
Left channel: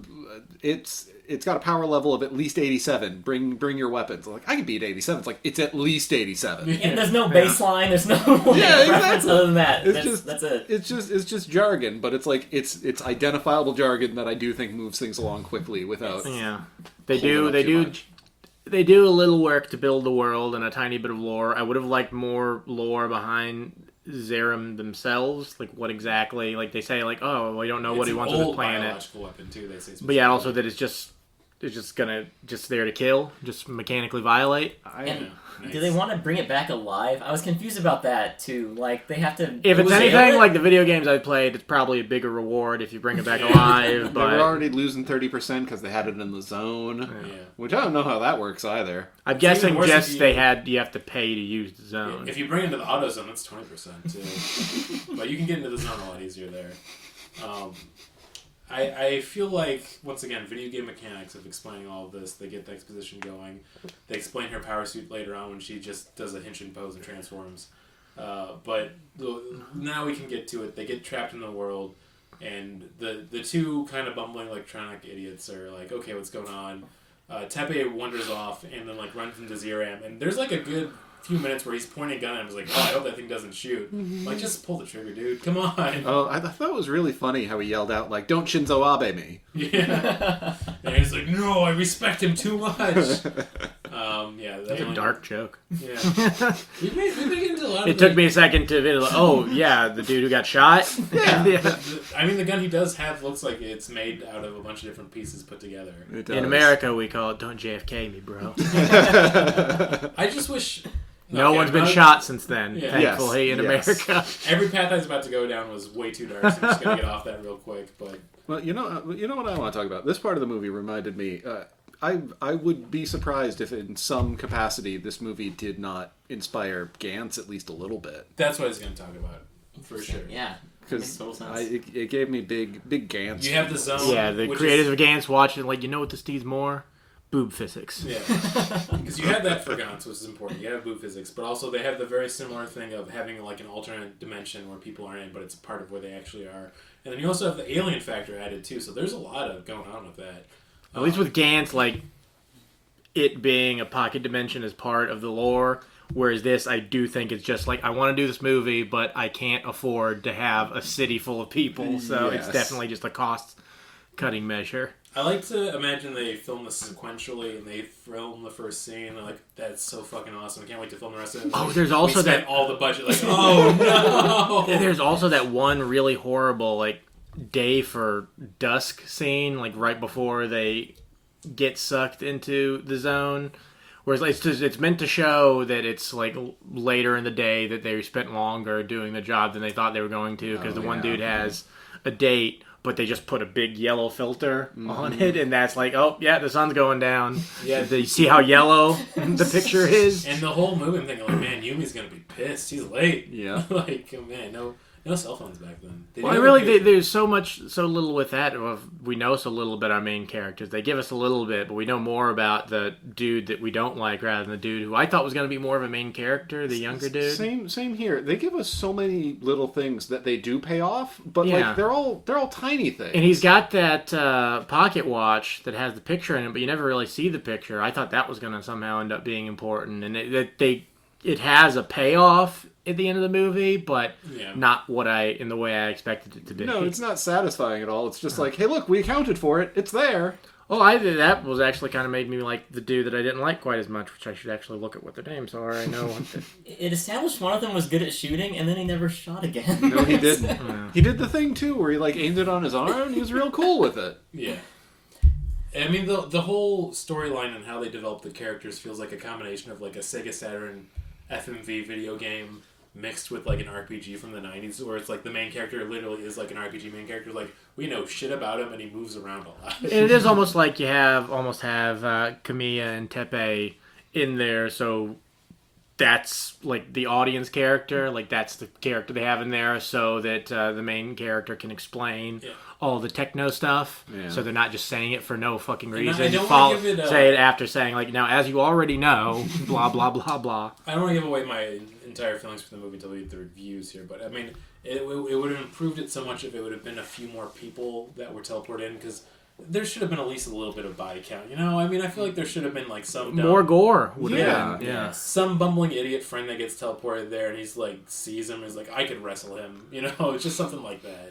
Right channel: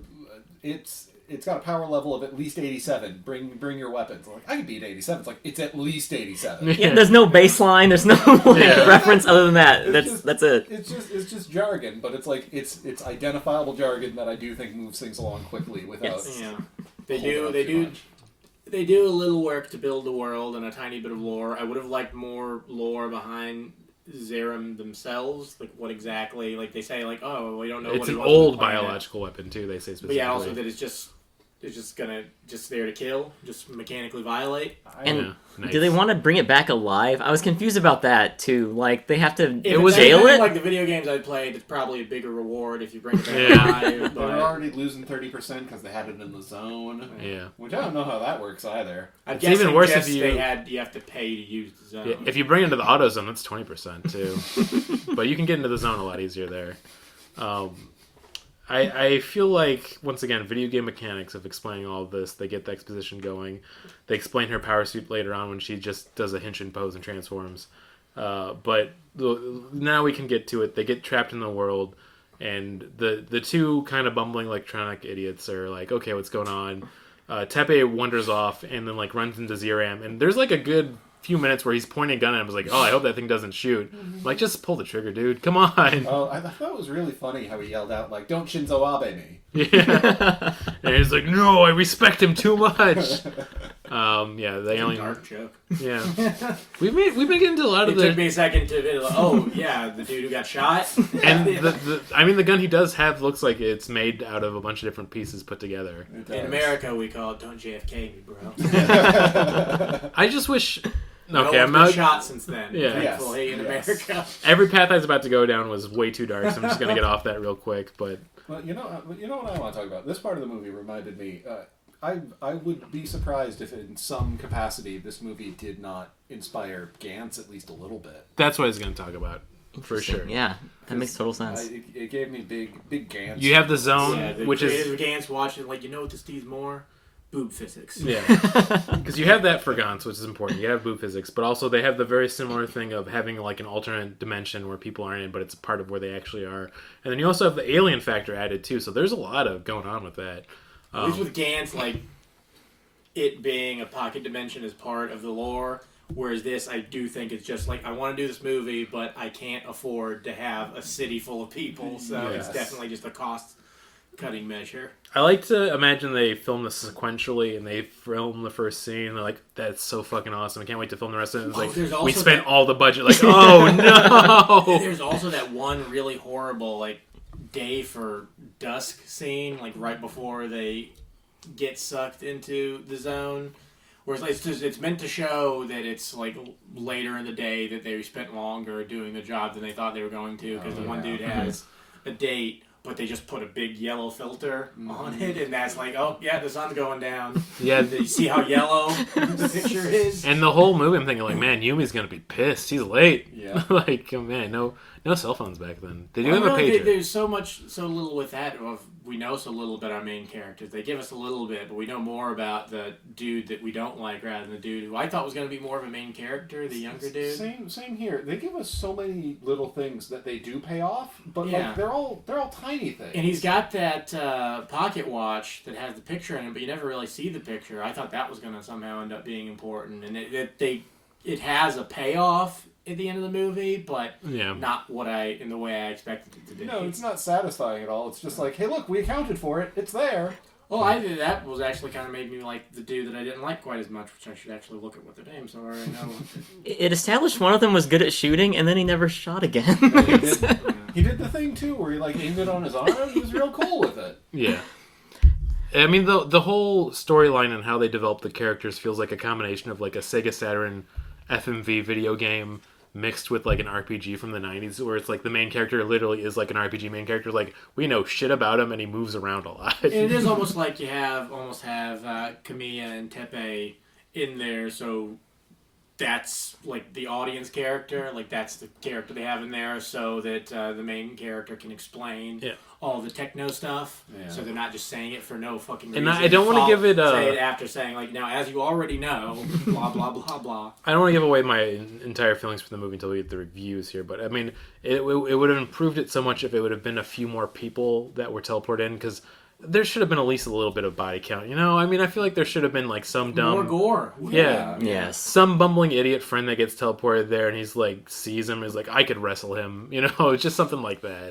it's got a power level of at least 87. Bring your weapons. Like I can beat 87. It's like it's at least 87. Yeah, there's no baseline, there's no reference other than that. That's it. It's just jargon, but it's like it's identifiable jargon that I do think moves things along quickly without. Yeah. holding up too much. They do a little work to build the world and a tiny bit of lore. I would have liked more lore behind Zeiram themselves, like what exactly, like they say, like oh, we don't know It's what he an wants on the old planet. biological weapon too. They say, But yeah, also that it's just there to kill, just mechanically violate. And nice. do they want to bring it back alive? I was confused about that too. Like they have to If it was jail anything it. like the video games I played, it's probably a bigger reward if you bring it back Yeah. alive. They But were already losing 30% because they had it in the zone. Yeah. Which I don't know how that works either. I'm It's even guessing worse just if you- you have to pay to use the zone. Yeah, if you bring it into the auto zone, that's 20% too. But you can get into the zone a lot easier there. I feel like, once again, video game mechanics of explaining all of this, they get the exposition going. They explain her power suit later on when she just does a Henshin pose and transforms. But now we can get to it. They get trapped in the world, and the two kind of bumbling electronic idiots are like, okay, what's going on? Tepe wanders off and then like runs into Zeiram, and there's like a good few minutes where he's pointing a gun at him. I was like, oh, I hope that thing doesn't shoot. I'm like, just pull the trigger, dude. Come on. Oh, I thought it was really funny how he yelled out, like, don't Shinzo Abe me. Yeah. And he's like, no, I respect him too much. Yeah, the It's a alien. dark joke. Yeah. We've been getting into a lot of It took me a second to oh yeah, the dude who got shot. And the gun he does have looks like it's made out of a bunch of different pieces put together. It does. In America, we call it "Don't JFK me, bro." I just wish. No Okay, one's I'm been not- shot since then. Yeah. Thankfully, in Yes. America. Every path I was about to go down was way too dark, so I'm just gonna get off that real quick. But Well, you know what I want to talk about? This part of the movie reminded me, I would be surprised if in some capacity this movie did not inspire Gantz at least a little bit. that's what I was gonna talk about for sure. Yeah, that makes total sense. It gave me big Gantz. You have the zone, Yeah, the which creators is of Gantz watching, like, you know what this needs more? Boob physics. yeah, because you have that for Gantz, which is important. You have boob physics, but also they have the very similar thing of having like an alternate dimension where people aren't in, but it's a part of where they actually are. And then you also have the alien factor added too. So there's a lot of going on with that. At least with Gantz, like, it being a pocket dimension is part of the lore. Whereas this, I do think it's just like, I want to do this movie, but I can't afford to have a city full of people. So Yes. it's definitely just a cost-cutting measure. I like to imagine they film this sequentially and they film the first scene and they're like, that's so fucking awesome. I can't wait to film the rest of it. It's Oh, like, there's we also spent that- all the budget. Like, oh no! There's also that one really horrible, like, day for dusk scene, like, right before they get sucked into the zone. Whereas it's meant to show that it's, like, later in the day that they spent longer doing the job than they thought they were going to, because the one dude has a date, but they just put a big yellow filter on it, and that's like, oh yeah, the sun's going down. Yeah, you see how yellow the picture is? And the whole movie, I'm thinking like, man, Yumi's gonna be pissed. He's late. Yeah. Like, oh, man, no cell phones back then. They Well, do really, have a pager. there's so little with that. Well, we know so little about our main characters. They give us a little bit, but we know more about the dude that we don't like rather than the dude who I thought was going to be more of a main character, the younger dude. Same here. They give us so many little things that they do pay off, but Yeah. like they're all tiny things. And he's got that pocket watch that has the picture in it, but you never really see the picture. I thought that was going to somehow end up being important, and it has a payoff at the end of the movie, but not in the way I expected it to be. No, it's not satisfying at all. It's just like, hey, look, we accounted for it. It's there. Oh, that was actually kind of made me like the dude that I didn't like quite as much, which I should actually look at what their names are. I know. It established one of them was good at shooting, and then he never shot again. No, he did. He did the thing too, where he like aimed it on his arm. He was real cool with it. Yeah. I mean, the whole storyline and how they develop the characters feels like a combination of like a Sega Saturn FMV video game mixed with like an RPG from the 90s, where it's like the main character literally is like an RPG main character. Like, we know shit about him and he moves around a lot. And it is almost like you have Kamiya and Tepe in there, so that's like the audience character, like that's the character they have in there, so that the main character can explain all the techno stuff. Yeah. So they're not just saying it for no fucking reason. And I don't want to give it say it after saying like, now as you already know, blah blah blah blah. I don't want to give away my entire feelings for the movie until we get the reviews here, but I mean, it would have improved it so much if it would have been a few more people that were teleported in, because there should have been at least a little bit of body count, you know? I mean, I feel like there should have been like some dumb... More gore. Yeah. Yes. Some bumbling idiot friend that gets teleported there and he's like, sees him, is like, I could wrestle him, you know? It's just something like that.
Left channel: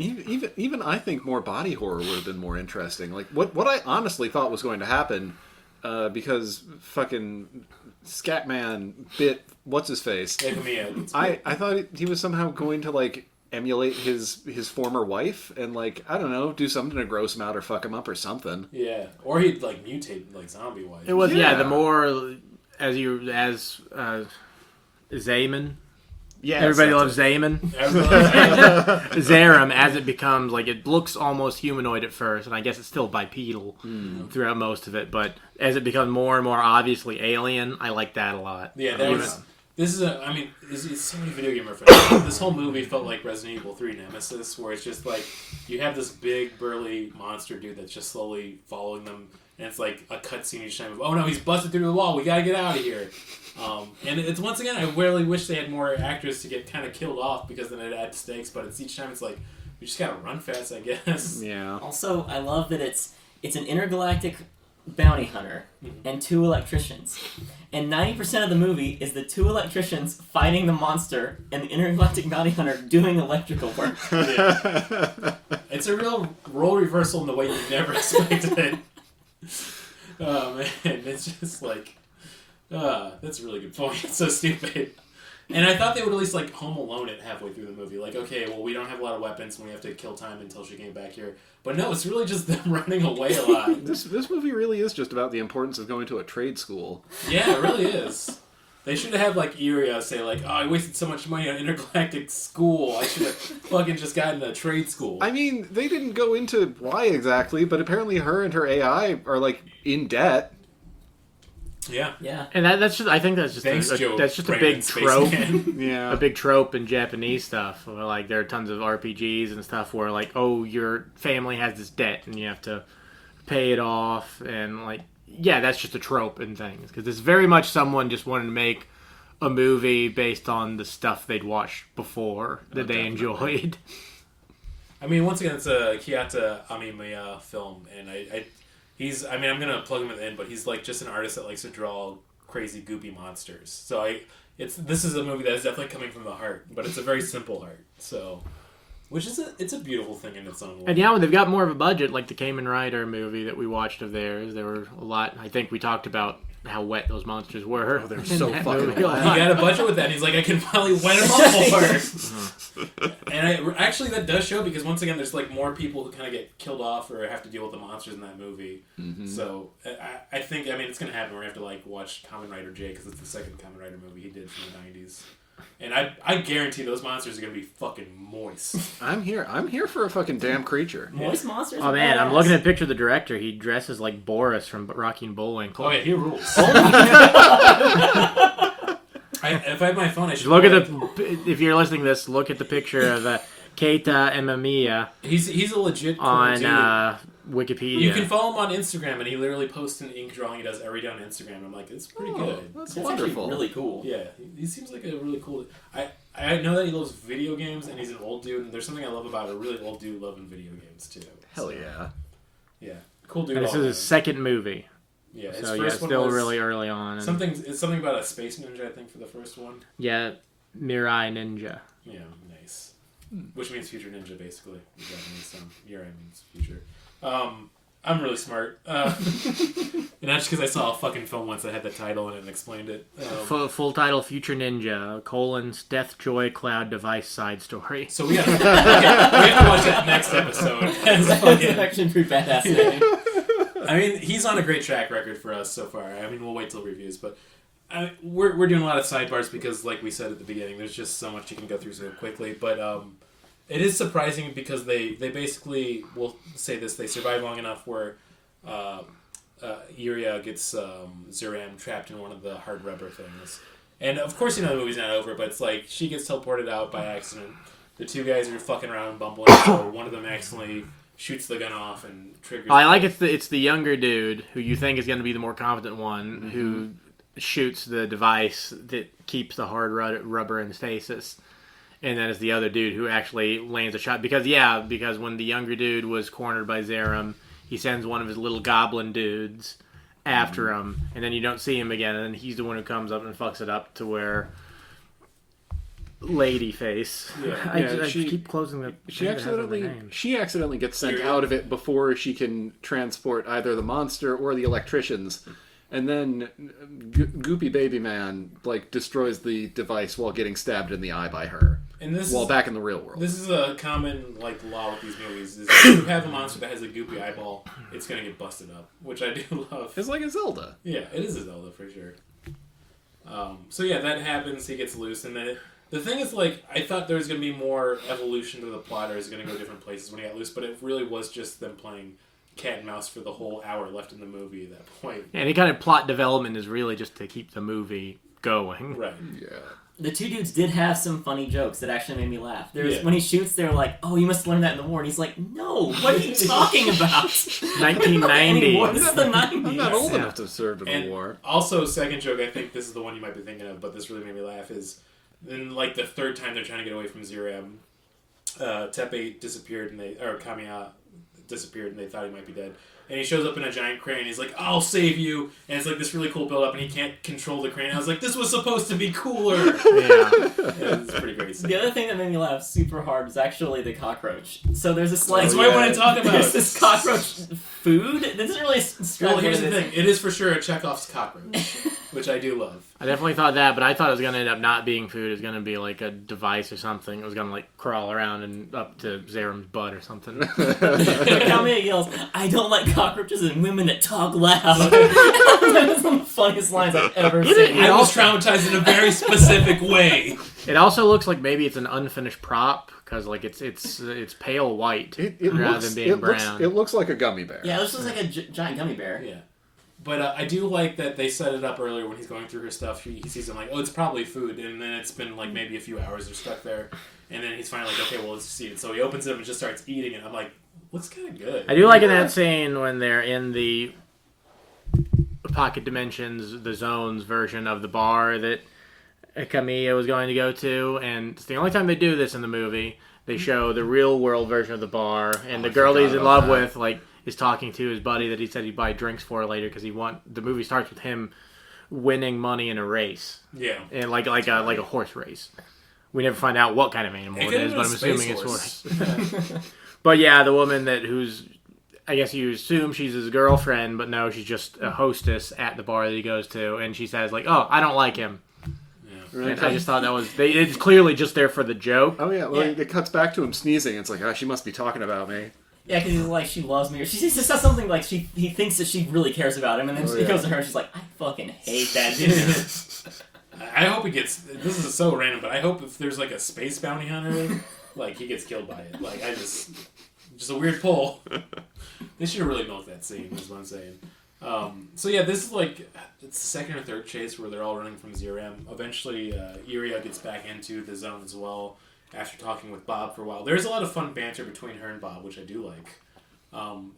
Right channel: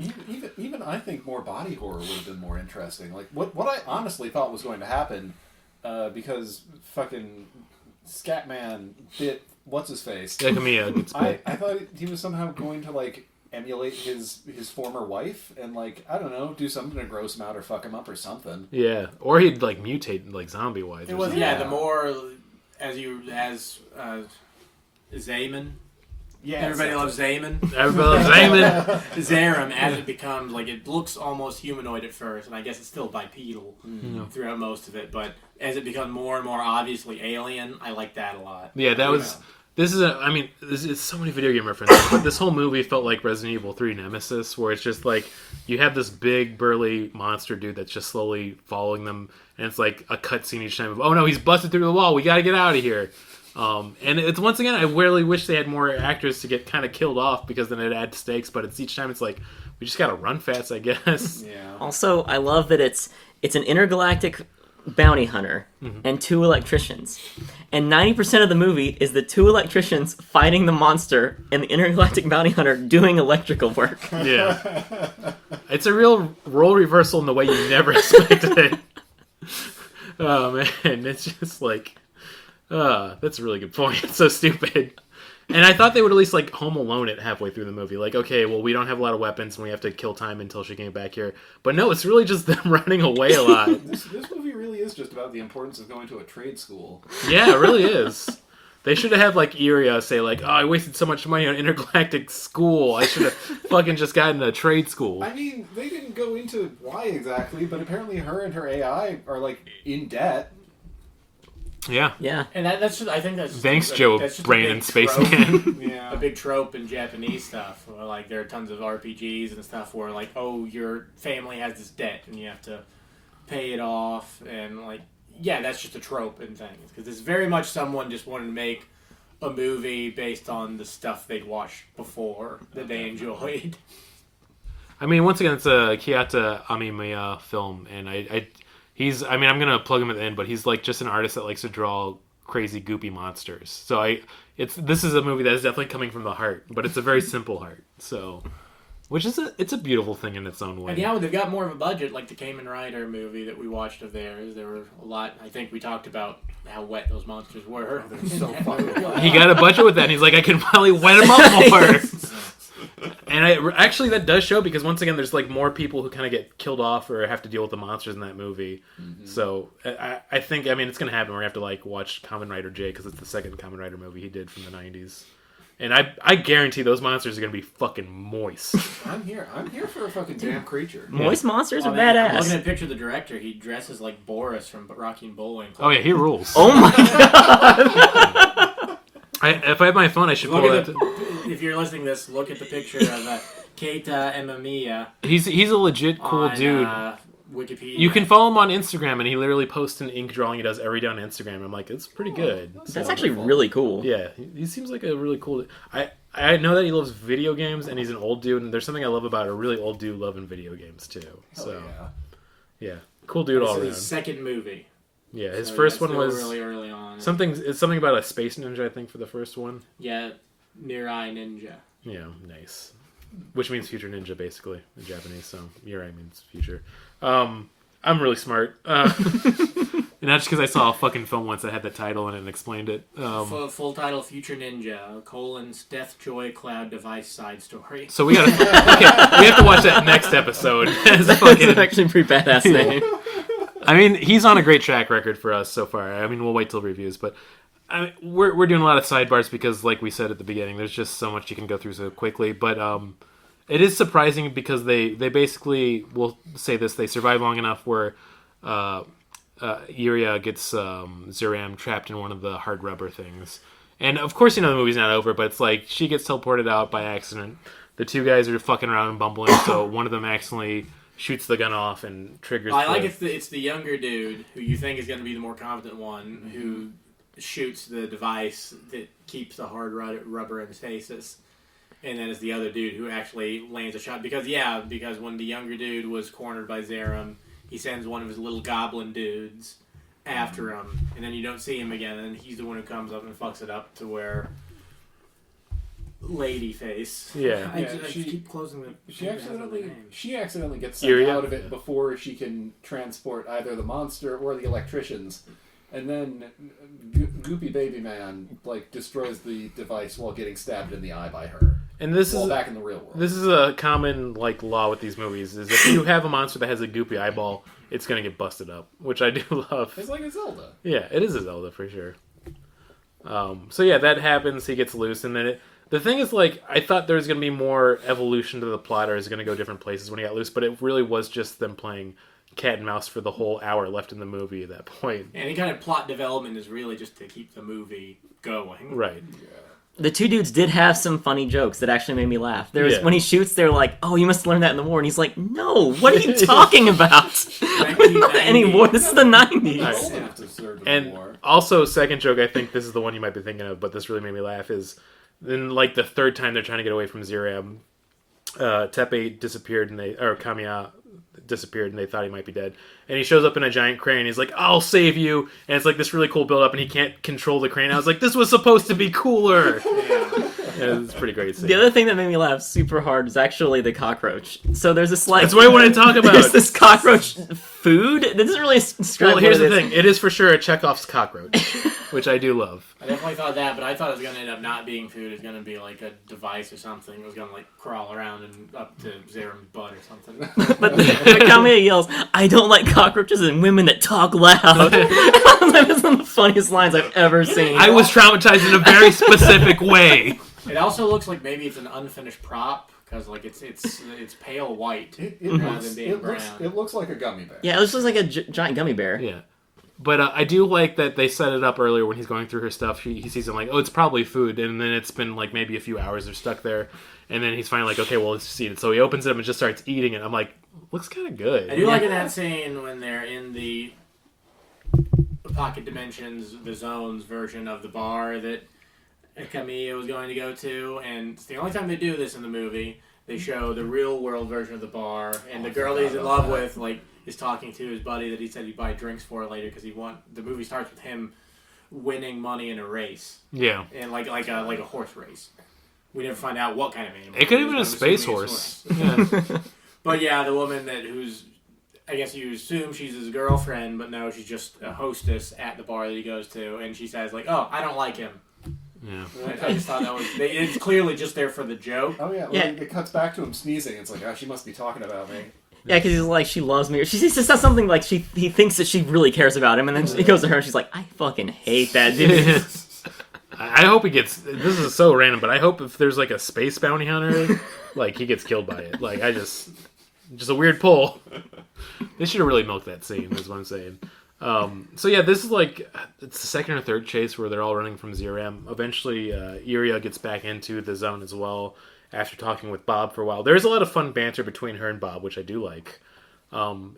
Even I think more body horror would have been more interesting. Like what I honestly thought was going to happen, because fucking Scatman bit what's his face. Yeah, Kamiya. I thought he was somehow going to like emulate his former wife and like, I don't know, do something to gross him out or fuck him up or something. Yeah, or he'd like mutate like zombie wise. It was the more as Zeiram. Yeah, Everybody loves Zeiram. Everybody loves Zeiram, as it becomes like, it looks almost humanoid at first, and I guess it's still bipedal throughout most of it. But as it becomes more and more obviously alien, I like that a lot. Yeah, that was. This is so many video game references. This whole movie felt like Resident Evil 3 Nemesis, where it's just like you have this big burly monster dude that's just slowly following them, and it's like a cutscene each time of, oh no, he's busted through the wall, we gotta get out of here. And it's, once again, I really wish they had more actors to get kind of killed off, because then it'd add stakes, but it's each time it's like, we just gotta run fast, I guess. Yeah. Also, I love that it's an intergalactic bounty hunter and two electricians. And 90% of the movie is the two electricians fighting the monster and the intergalactic bounty hunter doing electrical work. Yeah. It's a real role reversal in the way you never expected it. Oh, man. It's just like... that's a really good point. It's so stupid. And I thought they would at least, like, Home Alone it halfway through the movie. Like, okay, well, we don't have a lot of weapons, and we have to kill time until she came back here. But no, it's really just them running away a lot. This movie really is just about the importance of going to a trade school. Yeah, it really is. They should have had, like, Iria say, like, oh, I wasted so much money on intergalactic school. I should have fucking just gotten a trade school. I mean, they didn't go into why exactly, but apparently her and her AI are, like, in debt. Yeah. Yeah. And that's just, I think that's just Thanks, Joe that's just Brandon a big trope. Spaceman. Yeah. A big trope in Japanese stuff. Where, like, there are tons of RPGs and stuff where, like, oh, your family has this debt and you have to pay it off, and like, yeah, that's just a trope in things, because it's very much someone just wanted to make a movie based on the stuff they'd watched before that they enjoyed. I mean, once again, it's a Keita Amemiya film, and I'm gonna plug him at the end, but he's like just an artist that likes to draw crazy goopy monsters. So this is a movie that is definitely coming from the heart, but it's a very simple heart. So, it's a beautiful thing in its own way. And yeah, they've got more of a budget, like the Kamen Rider movie that we watched of theirs. There were a lot. I think we talked about how wet those monsters were. Oh, they're so fucking He got a budget with that, and he's like, I can probably wet him up more. And actually, that does show, because once again, there's like more people who kind of get killed off or have to deal with the monsters in that movie. Mm-hmm. So I think, it's going to happen. We're going to have to like watch Kamen Rider J, because it's the second Kamen Rider movie he did from the 90s. And I guarantee those monsters are gonna be fucking moist. I'm here for a fucking damn creature. Moist monsters Oh are man, badass. I'm looking at a picture of the director. He dresses like Boris from Rocky and Bullwinkle. Oh yeah, he rules. Oh my god! If I have my phone, I should Look pull at it. if you're listening to this, look at the picture of Keita Amemiya He's a legit cool on dude. Wikipedia. You can follow him on Instagram, and he literally posts an ink drawing he does every day on Instagram. I'm like, it's pretty good. That's actually really cool. Yeah, he seems like a really cool. I know that he loves video games, and he's an old dude. And there's something I love about a really old dude loving video games too. Hell yeah. Yeah, cool dude. This All is around. his second movie. Yeah, his So, first one still was really early on. It's something about a space ninja. I think for the first one. Yeah, Mirai Ninja. Yeah, nice. Which means future ninja, basically, in Japanese. So Mirai means future. I'm really smart. And that's just because I saw a fucking film once that had the title in it and explained it. Full title: Future Ninja: Death Joy Cloud Device Side Story. So we have to watch that next episode. It's That's fucking, actually a pretty badass name. I mean, he's on a great track record for us so far. I mean, we'll wait till reviews, but we're doing a lot of sidebars because, like we said at the beginning, there's just so much you can go through so quickly. But it is surprising because they basically will say this: they survive long enough where Iria gets Zeiram trapped in one of the hard rubber things, and of course, the movie's not over. But it's like she gets teleported out by accident. The two guys are fucking around and bumbling, so one of them accidentally shoots the gun off and triggers. I like it's the younger dude who you think is going to be the more competent one who shoots the device that keeps the hard rubber in stasis, and then it's the other dude who actually lands a shot because when the younger dude was cornered by Zeiram, he sends one of his little goblin dudes after him, and then you don't see him again, and then he's the one who comes up and fucks it up to where lady face. Yeah. I keep closing the. She accidentally gets sent Iria? out of it before she can transport either the monster or the electricians, and then Goopy Baby Man destroys the device while getting stabbed in the eye by her. And this while is back in the real world. This is a common law with these movies: is if you have a monster that has a goopy eyeball, it's gonna get busted up, which I do love. It's like a Zelda. Yeah, it is a Zelda for sure. So yeah, that happens. He gets loose, and then the thing is, I thought there was going to be more evolution to the plot, or is going to go different places when he got loose, but it really was just them playing cat and mouse for the whole hour left in the movie at that point. And any kind of plot development is really just to keep the movie going. Right. Yeah. The two dudes did have some funny jokes that actually made me laugh. There was Yeah. when he shoots, they're like, "Oh, you must have learned that in the war," and he's like, "No, what are you talking about? 1990. Any war? This is the I'm not 90s." old enough to have served in And the war. also, second joke, I think this is the one you might be thinking of, but this really made me laugh, is then, the third time they're trying to get away from Zeiram, Tepe disappeared, Kamiya disappeared, and they thought he might be dead. And he shows up in a giant crane. He's like, "I'll save you," and it's this really cool build up, and he can't control the crane. I was like, this was supposed to be cooler. Yeah, it's pretty great. Scene. The other thing that made me laugh super hard was actually the cockroach. So there's this That's what I want to talk about. There's this cockroach food. This isn't really Well, here's the thing. It is for sure a Chekhov's cockroach, which I do love. I definitely thought that, but I thought it was going to end up not being food. It was going to be like a device or something. It was going to crawl around and up to Zeiram's butt or something. But Kamiya yells, "I don't like cockroaches and women that talk loud." That was one of the funniest lines I've ever seen. I was traumatized in a very specific way. It also looks like maybe it's an unfinished prop because it's pale white rather than being brown. It looks like a gummy bear. Yeah, it looks like a giant gummy bear. Yeah. But I do like that they set it up earlier when he's going through her stuff. He sees him it's probably food, and then it's been maybe a few hours they're stuck there, and then he's finally okay, well, let's just eat it. So he opens it up and just starts eating it. I'm like, looks kind of good. I do like in that scene when they're in the pocket dimensions, the zones version of the bar that Kamiya was going to go to, and it's the only time they do this in the movie. They show the real world version of the bar, and the girl he's in love with is talking to his buddy that he said he'd buy drinks for later because the movie starts with him winning money in a race. Yeah. And like a horse race. We never find out what kind of animal It could have is, been a but I'm space assuming horse. it's horse. But yeah, the woman I guess you assume she's his girlfriend, but no, she's just a hostess at the bar that he goes to, and she says "Oh, I don't like him." Yeah. And I just thought that was it's clearly just there for the joke. Oh yeah, Yeah. it cuts back to him sneezing. It's like, she must be talking about me. Yeah, because he's like, she loves me. Or she just says something like he thinks that she really cares about him, and then he goes to her and she's like, "I fucking hate that dude." I I hope he gets. This is so random, but I hope if there's like a space bounty hunter, like he gets killed by it. Like I just a weird pull. They should have really milked that scene. Is what I'm saying. So yeah, this is like it's the second or third chase where they're all running from Zeiram. Eventually, Iria gets back into the zone as well after talking with Bob for a while. There's a lot of fun banter between her and Bob, which I do like.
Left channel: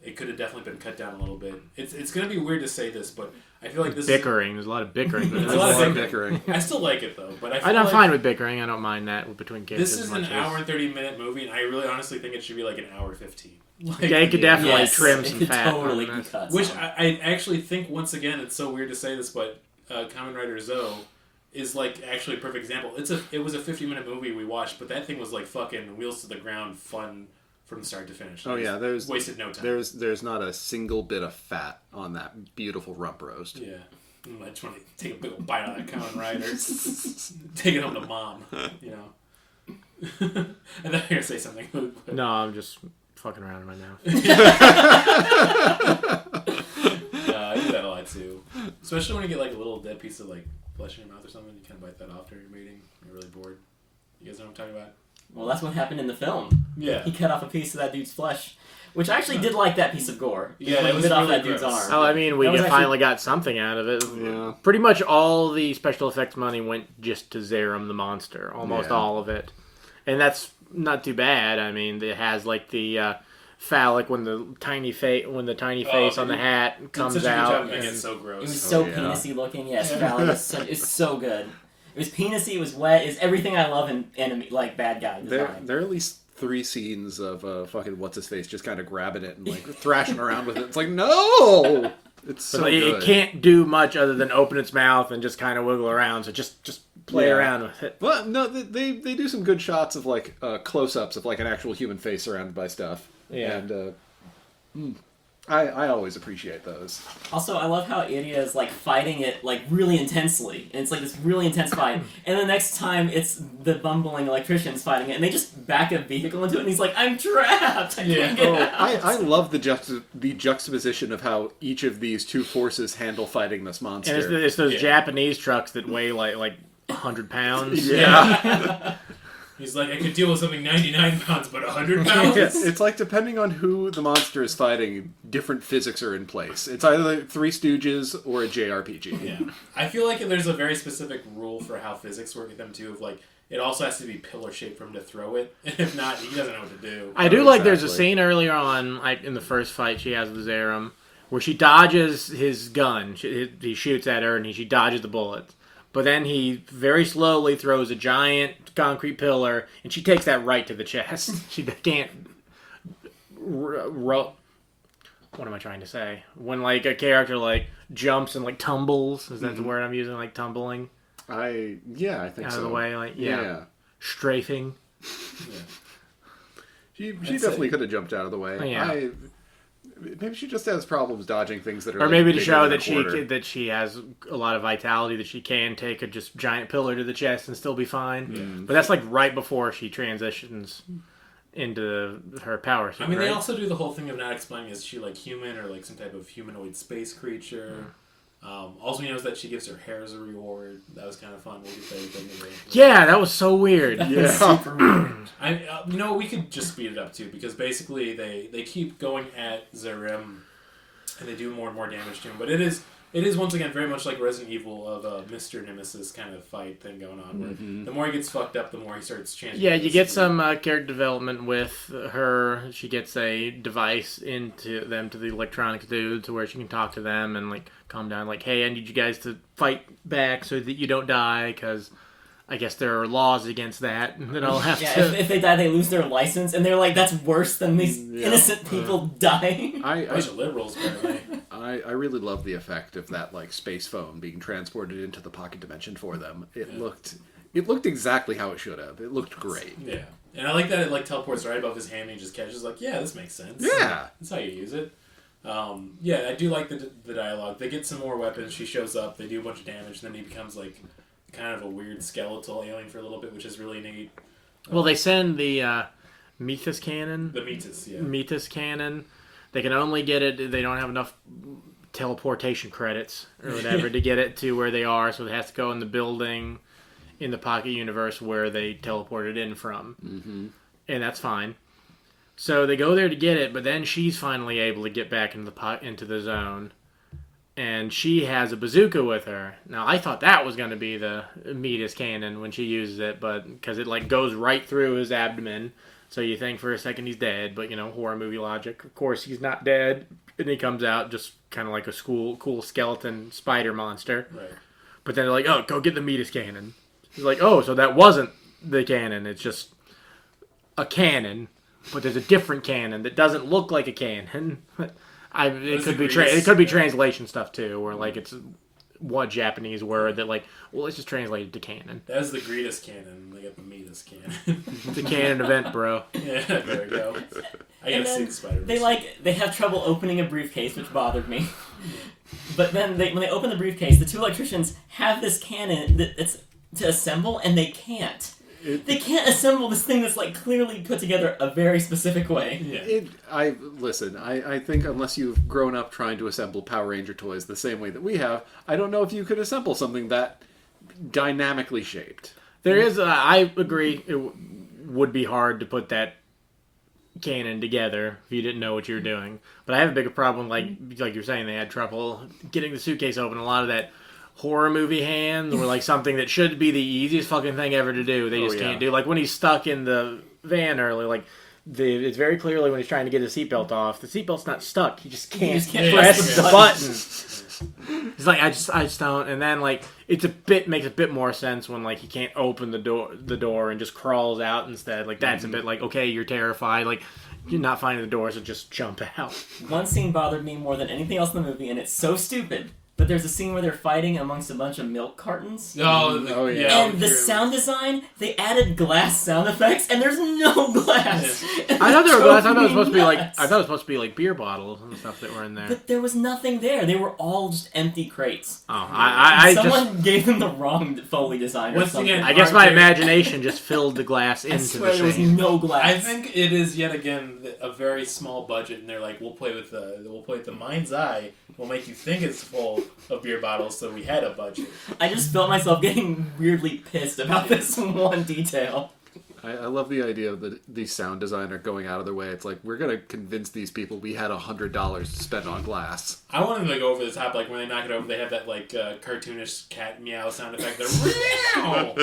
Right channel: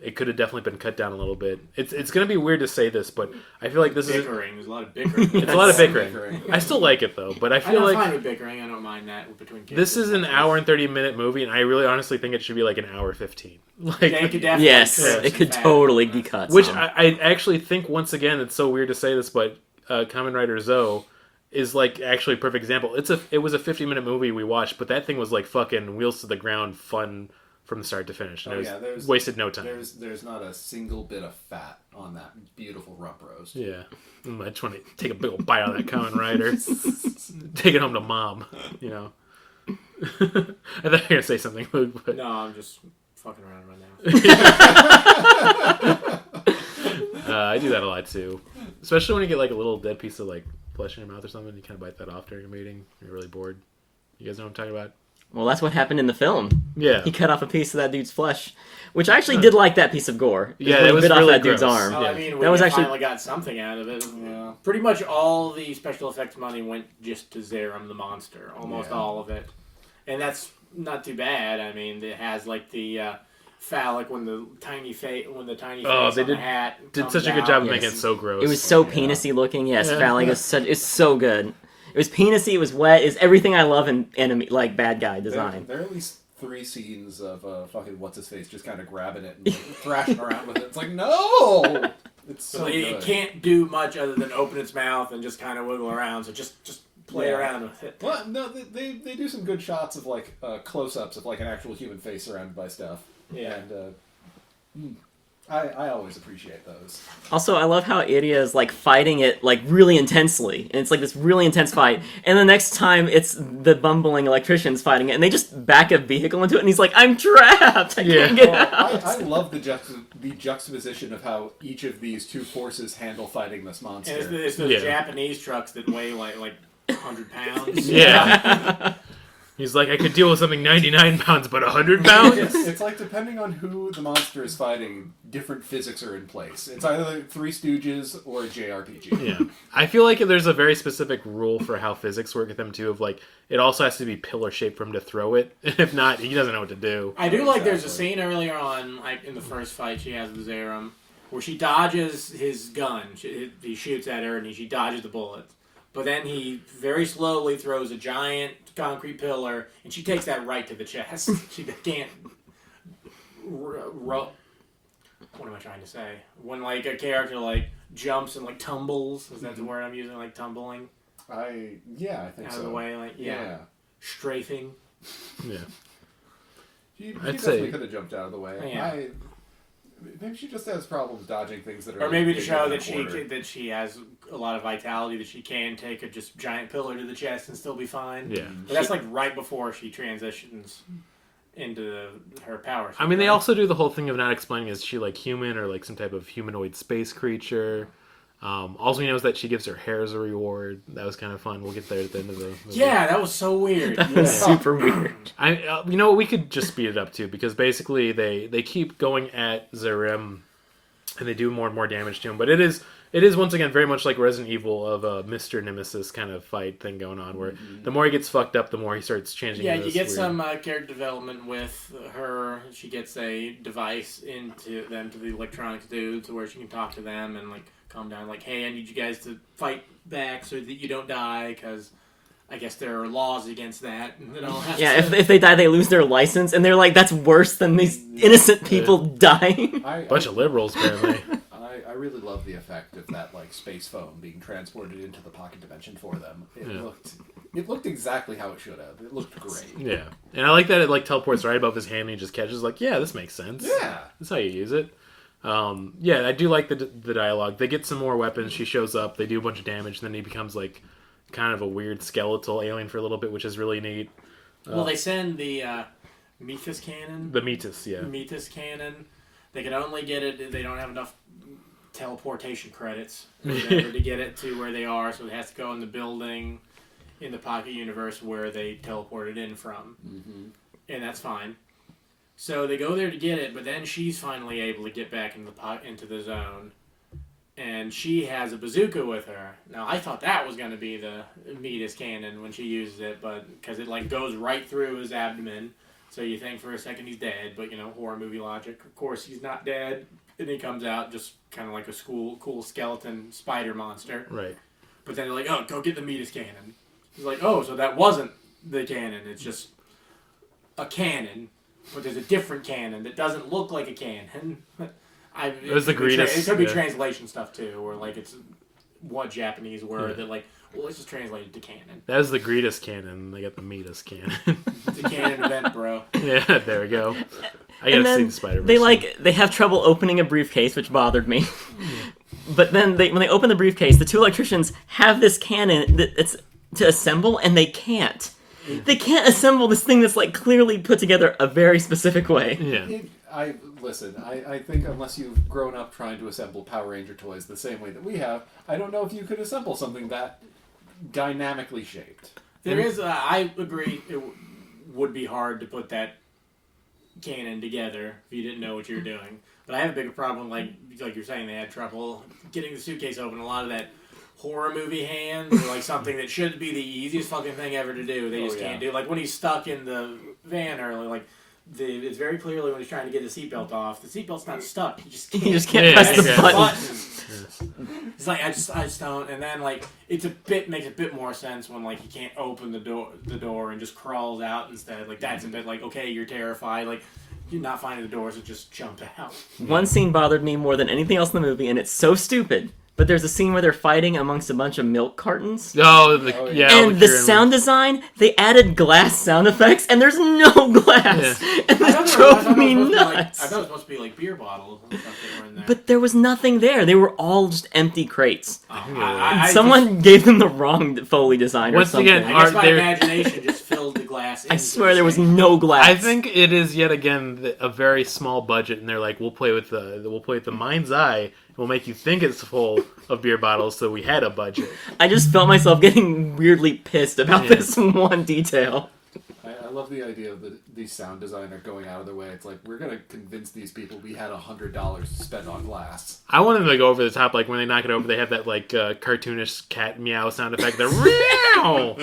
It could have definitely been cut down a little bit. It's going to be weird to say this, but I feel like this bickering. There's a lot of bickering. It's a lot of bickering. I still like it though, but I feel I'm like fine with bickering. I don't mind that between kids. this is an hour and 30-minute movie, and I really honestly think it should be like an hour 15. Like, Yeah, it could definitely trim it some could fat totally from be that. cut. which some. I actually think, once again, it's so weird to say this, but Kamen Rider Zoe is like actually a perfect example. It was a 50-minute movie we watched, but that thing was like fucking wheels to the ground fun from start to finish. There's wasted no time. There's not a single bit of fat on that beautiful rump roast. Yeah. I just want to take a big old bite out of that Kamen Rider. Take it home to mom, you know. I thought you were going to say something, Luke, but... No, I'm just fucking around in my mouth. I do that a lot too. Especially when you get like a little dead piece of like flesh in your mouth or something. You kind of bite that off during a meeting. You're really bored. You guys know what I'm talking about? Well, that's what happened in the film. Yeah. He cut off a piece of that dude's flesh, which I actually did like that piece of gore. Yeah, When it he was bit off really that dude's gross. arm. Oh, I mean, we That was finally actually- got something out of it. Yeah. Pretty much all the special effects money went just to Zeiram the monster. Almost Yeah. all of it. And that's not too bad. I mean, it has like the phallic when the tiny face Oh, on they the hat Did comes such a good out. job of Yes. making it so gross. It was so yeah. penisy looking. Yes, Yeah. phallic is such. It's so good. It was penisy. It was wet. It's everything I love in enemy like bad guy design. There are at least 3 scenes of fucking what's his face just kind of grabbing it and like thrashing around with it. It's like no, it's so So good. it can't do much other than open its mouth and just kind of wiggle around. So just play Yeah. around with it. Well, no, they do some good shots of like close-ups of like an actual human face surrounded by stuff. Yeah. And I always appreciate those. Also, I love how Iria is like fighting it like really intensely, and it's like this really intense fight. And the next time, it's the bumbling electricians fighting it, and they just back a vehicle into it, and he's like, "I'm trapped. I can't get out." I love the juxtaposition of how each of these two forces handle fighting this monster. And it's those Yeah. Japanese trucks that weigh like 100 pounds. Yeah. He's like, I could deal with something 99 pounds, but 100 pounds? It's like depending on who the monster is fighting, different physics are in place. It's either like Three Stooges or a JRPG. Yeah. I feel like there's a very specific rule for how physics work with them, too, of like, it also has to be pillar shaped for him to throw it. If not, he doesn't know what to do. I do like there's a Exactly. scene earlier on, like in the first fight she has with Zeiram, where she dodges his gun. He shoots at her and she dodges the bullets. But then he very slowly throws a giant concrete pillar, and she takes that right to the chest. She can't... What am I trying to say? When like a character like jumps and like tumbles, is that the word I'm using? Like tumbling I think out so. of the way, like Yeah. strafing. Yeah. She I'd definitely say- could have jumped out of the way. Oh, yeah. Maybe she just has problems dodging things that are Or like, maybe to bigger show than a that quarter. she has a lot of vitality, that she can take a just giant pillar to the chest and still be fine. Yeah. But that's like right before she transitions into her power. I mean, they right? also do the whole thing of not explaining, is she like human or like some type of humanoid space creature? Also, he knows that she gives her hair as a reward. That was kind of fun. We'll get there at the end of the Yeah, that was so weird. Super weird. You know, we could just speed it up too, because basically they keep going at Zeiram, and they do more and more damage to him. But it is once again very much like Resident Evil of a Mr. Nemesis kind of fight thing going on, where the more he gets fucked up, the more he starts changing. Yeah, into you this get weird- some character development with her. She gets a device into them, to the electronics dude, to where she can talk to them and like calm down. Like, hey, I need you guys to fight back so that you don't die, because I guess there are laws against that. And then I'll have Yeah, to. if they die, they lose their license, and they're like, that's worse than these innocent people dying. bunch of liberals apparently. I really love the effect of that like space phone being transported into the pocket dimension for them. It looked exactly how it should have. It looked great. Yeah, and I like that it like teleports right above his hand and he just catches like, yeah, this makes sense. Yeah. That's how you use it. Yeah, I do like the dialogue. They get some more weapons. She shows up. They do a bunch of damage. And then he becomes like kind of a weird skeletal alien for a little bit, which is really neat. Well, they send the Methus cannon. The Metis, yeah. Methus cannon. They can only get it. They don't have enough teleportation credits or whatever to get it to where they are, so it has to go in the building. in the Pocket Universe where they teleported in from. Mm-hmm. And that's fine. So they go there to get it, but then she's finally able to get back into the zone. And she has a bazooka with her. Now, I thought that was going to be the Midas cannon when she uses it, but because it like goes right through his abdomen. So you think for a second he's dead, but horror movie logic. Of course, he's not dead. And he comes out just kind of like a cool skeleton spider monster. Right. But then they're like, oh, go get the Midas cannon. He's like, oh, so that wasn't the cannon. It's just a cannon. But there's a different cannon that doesn't look like a cannon. It could be translation stuff too, where like it's one Japanese word that like, well, let's just translate it to canon. That was the greatest cannon. They got the Midas cannon. It's a canon event, bro. Yeah, there we go. I And gotta see then the Spider-Verse. they have trouble opening a briefcase, which bothered me. But then when they open the briefcase, the two electricians have this cannon that it's to assemble, and they can't. They can't assemble this thing that's like clearly put together a very specific way. Yeah. I think unless you've grown up trying to assemble Power Ranger toys the same way that we have, I don't know if you could assemble something that dynamically shaped. There is, I agree, it would be hard to put that cannon together if you didn't know what you were doing. But I have a bigger problem, like you're saying, they had trouble getting the suitcase open. A lot of that horror movie hand, or like something that should be the easiest fucking thing ever to do, they just can't do. Like when he's stuck in the van earlier, like it's very clearly when he's trying to get his seatbelt off, the seatbelt's not stuck. He just can't press press the the button. button. He's like, I just don't. And then like makes a bit more sense when like he can't open the door and just crawls out instead. Like that's a bit like, okay, you're terrified, like you're not finding the door, so just jump out. One scene bothered me more than anything else in the movie, and it's so stupid. But there's a scene where they're fighting amongst a bunch of milk cartons. Yeah. And the sound design, they added glass sound effects, and there's no glass. Yeah. And I thought that it drove me was nuts. supposed to be like beer bottles and stuff that were in there. But there was nothing there. They were all just empty crates. Someone Gave them the wrong Foley design or Once something. again, I guess my imagination just filled the glass into I swear the there was shape. no glass. I think it is yet again a very small budget, and they're like, we'll play with the mind's eye. We'll make you think it's full of beer bottles, so we had a budget. I just felt myself getting weirdly pissed about this one detail. I love the idea that the sound designer going out of their way. It's like, we're going to convince these people we had $100 to spend on glass. I want them to go over the top, like when they knock it over, they have that like cartoonish cat meow sound effect. They're meow!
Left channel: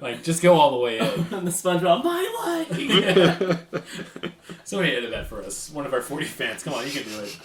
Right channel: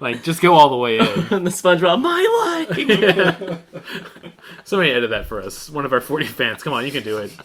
Like, just go all the way in. And the SpongeBob, my life! Somebody edit that for us. One of our 40 fans. Come on, you can do it.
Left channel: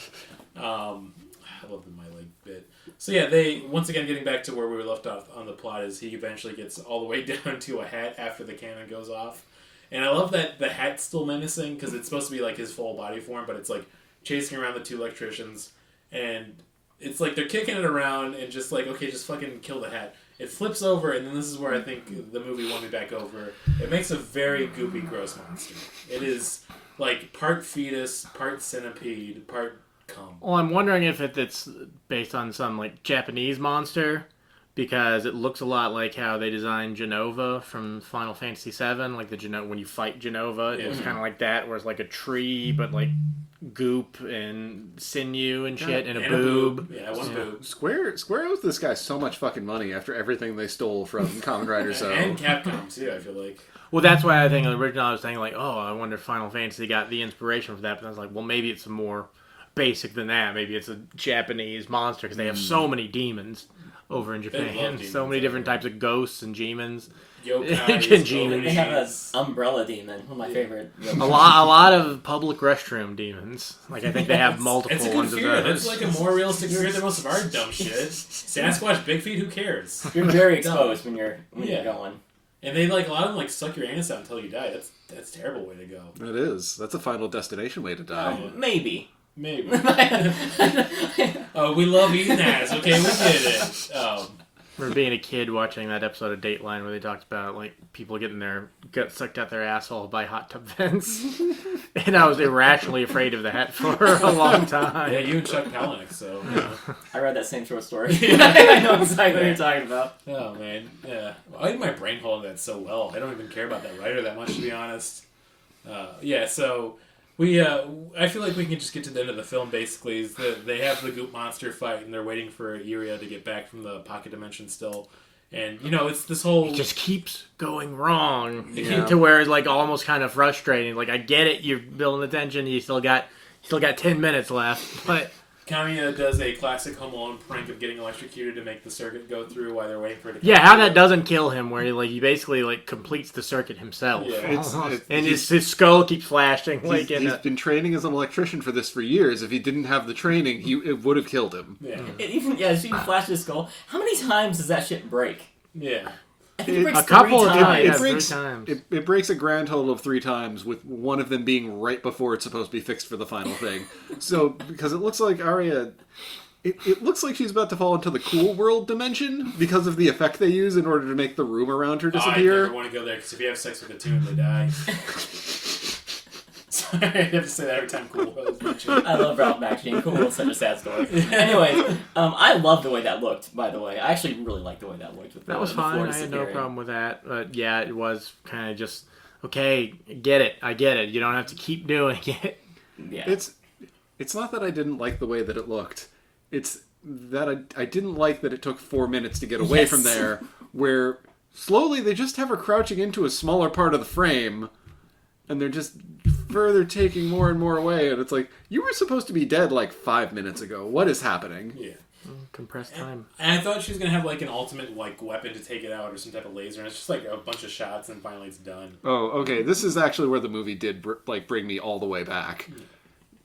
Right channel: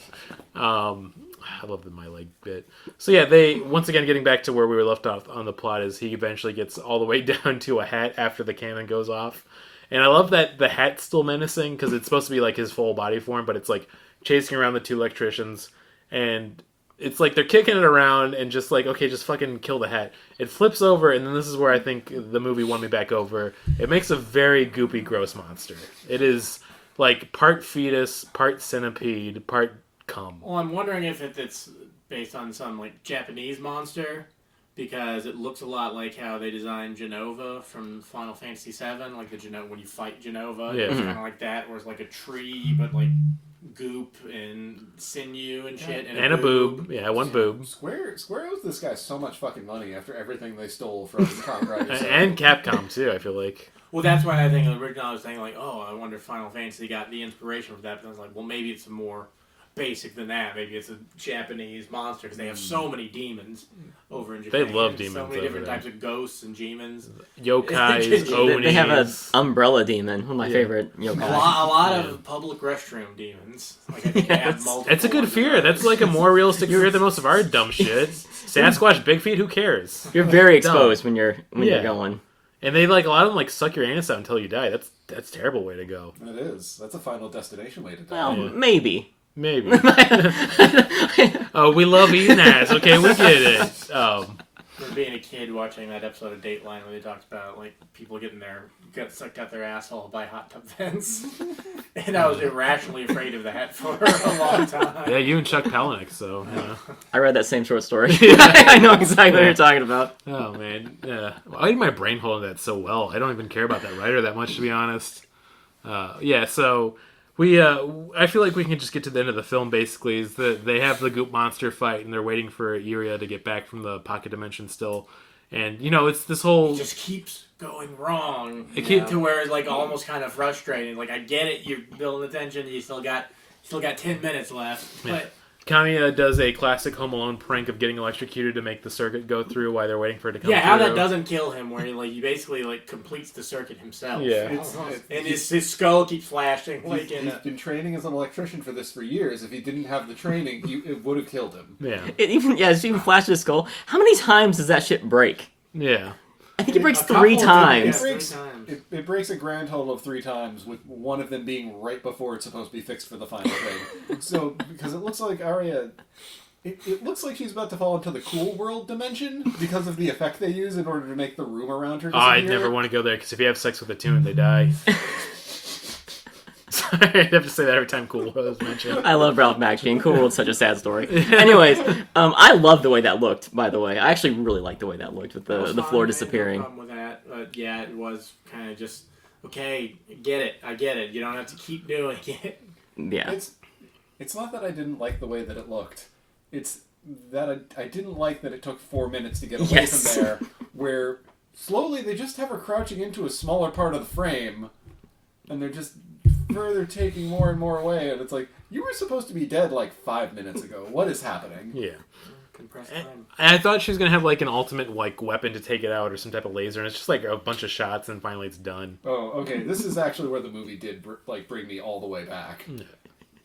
I love the my leg bit. So yeah, they once again getting back to where we were left off on the plot is he eventually gets all the way down to a hat after the cannon goes off, and I love that the hat's still menacing because it's supposed to be like his full body form, but it's like chasing around the two electricians, and it's like they're kicking it around and just like, okay, just fucking kill the hat. It flips over, and then this is where I think the movie won me back over. It makes a very goopy, gross monster. It is like part fetus, part centipede, part cum. Well, I'm wondering if it's based on some like Japanese monster, because it looks a lot like how they designed Genova from Final Fantasy VII. Like when you fight Genova, it's kind of like that, where it's like a tree, but like goop and sinew and shit, and a boob. Yeah, one boob. Square owes this guy so much fucking money after everything they stole from Kamen Rider. And Capcom too, I feel like. Well, that's why I think in the original I was saying like, oh, I wonder if Final Fantasy got the inspiration for that. But I was like, well, maybe it's more basic than that. Maybe it's a Japanese monster because they have so many demons over in Japan. They love demons. So many over different there. types of ghosts and demons. Yokais, Demons. They have an Onis. umbrella demon, one of my favorite. A lot of public restroom demons. Like I think they have multiple. It's a good ones of fear. those. That's like a more realistic fear than most of our dumb shit. Sasquatch, Big Feet, who cares? You're very exposed when you're Yeah. going. And they like a lot of them like suck your anus out until you die. That's a terrible way to go. It is. That's a Final Destination way to Well, die. maybe. Maybe. Oh, we love eating ass. Okay, we get it. remember being a kid watching that episode of Dateline where they talked about like people getting their gut sucked out their asshole by hot tub vents, and I was irrationally afraid of that for a long time. Yeah, you and Chuck Palahniuk. So. I read that same short story. I know exactly what you're talking about. Oh man, yeah. I think my brain holding that so well. I don't even care about that writer that much, to be honest. Yeah, so we. I feel like we can just get to the end of the film. Basically, is that they have the goop monster fight, and they're waiting for Iria to get back from the pocket dimension still. And, you know, it's this whole... It just keeps going wrong. It Yeah. keeps to where it's like almost kind of frustrating. Like, I get it, you're building the tension, you still got 10 minutes left, but... Kamiya does a classic Home Alone prank of getting electrocuted to make the circuit go through while they're waiting for it to come Yeah, how through. that doesn't kill him, where he basically like completes the circuit himself. Yeah. And his skull keeps flashing. Like He's been training as an electrician for this for years. If he didn't have the training, it would have killed him. Yeah. She even flashed his skull. How many times does that shit break? Yeah. I think it breaks a couple 3 of times. different- It breaks. 3 times. It breaks a grand total of 3 times, with one of them being right before it's supposed to be fixed for the final thing. So because it looks like Arya, it looks like she's about to fall into the cool world dimension because of the effect they use in order to make the room around her Oh, I disappear. never want to go there, because if you have sex with a tune, they die. Sorry, I have to say that every time Cool World is mentioned. I love Ralph Macchio. Cool World's such a sad story. Anyways, I love the way that looked, by the way. I actually really like the way that looked with That was the fine. floor I had disappearing. no problem with that. But yeah, it was kind of just okay. I get it. You don't have to keep doing it. Yeah. It's not that I didn't like the way that it looked. It's that I didn't like that it took 4 minutes to get away Yes. from there, where slowly they just have her crouching into a smaller part of the frame, and they're just further taking more and more away, and it's like, you were supposed to be dead like 5 minutes ago. What is happening? Yeah. Compressed time. And I thought she was going to have, like, an ultimate, like, weapon to take it out or some type of laser, and it's just, like, a bunch of shots, and finally it's done. Oh, okay. This is actually where the movie did bring me all the way back.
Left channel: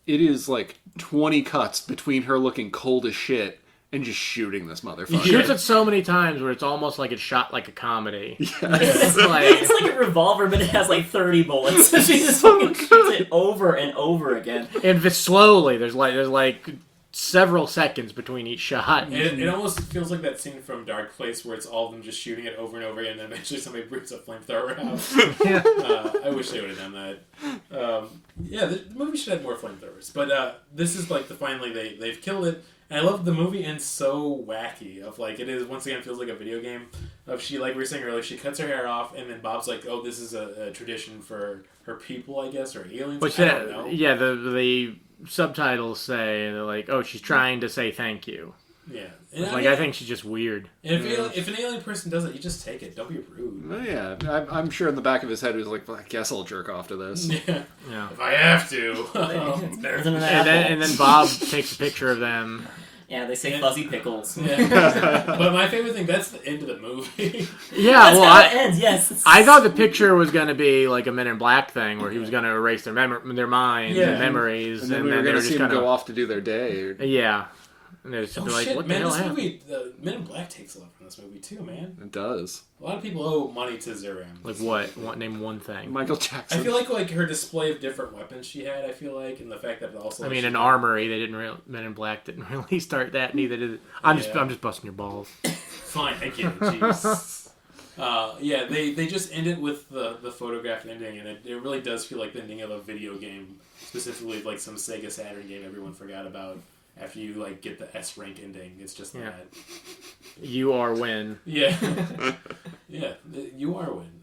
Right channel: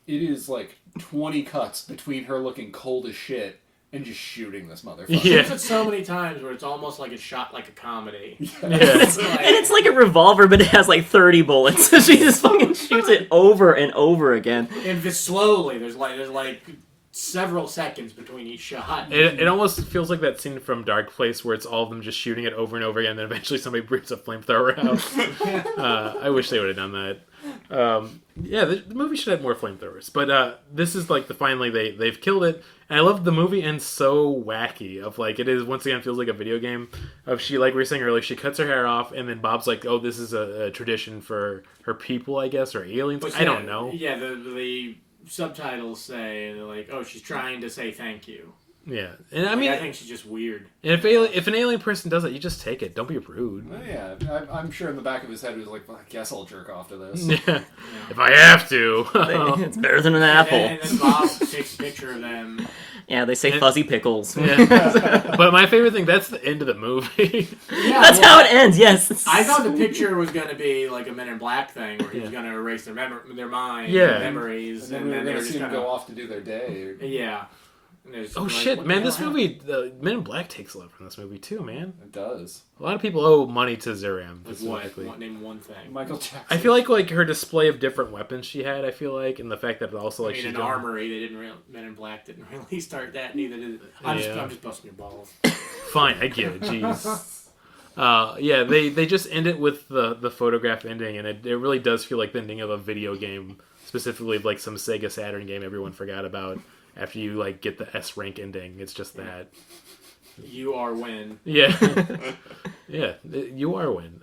It is like 20 cuts between her looking cold as shit and just shooting this motherfucker. Yeah. It's so many times where it's almost like it's shot like a comedy. It's like a revolver, but it has like 30 bullets. So she just fucking shoots it over and over again. And slowly, there's like several seconds between each shot. It almost feels like that scene from Dark Place where it's all of them just shooting it over and over again, and then eventually somebody brings a flamethrower out. I wish they would have done that. Yeah, the movie should have more flamethrowers. But this is like finally they've killed it. And I love the movie ends so wacky. Of like, it is, once again, feels like a video game. Of she, like we were saying earlier, she cuts her hair off, and then Bob's like, oh, this is a tradition for her people, I guess, or aliens. Which I don't know. Yeah, the subtitles say, they're like, oh, she's trying to say thank you. Yeah. And I think she's just weird. And if an alien person does it, you just take it. Don't be rude. Oh, yeah, I'm sure in the back of his head he was like, well, I guess I'll jerk off to this. Yeah. If I have to. It's better than an apple. And then Bob takes a picture of them. Yeah, they say fuzzy pickles. Yeah. But my favorite thing, that's the end of the movie. Yeah, That's how it ends, yes. I thought the picture was going to be like a Men in Black thing where he was going to erase their mind, their memories. And then we were going to see them gonna... go off to do their day. Or... Yeah. And they're just Oh like, shit, what the man! hell This happened? movie, Men in Black takes a lot from this movie too, man. It does. A lot of people owe money to Zeiram. Like what? Name one thing. Michael Jackson. I feel like her display of different weapons she had. I feel like, and the fact that it also. I Like, mean, she's an done- armory. They didn't. Men in Black didn't really start that. Neither did. I'm just busting your balls. Fine, I get it. Jeez. Yeah, they just end it with the photograph ending, and it really does feel like the ending of a video game, specifically like some Sega Saturn game everyone forgot about. After you like get the S rank ending, it's just that. You are win. Yeah, yeah, you are win.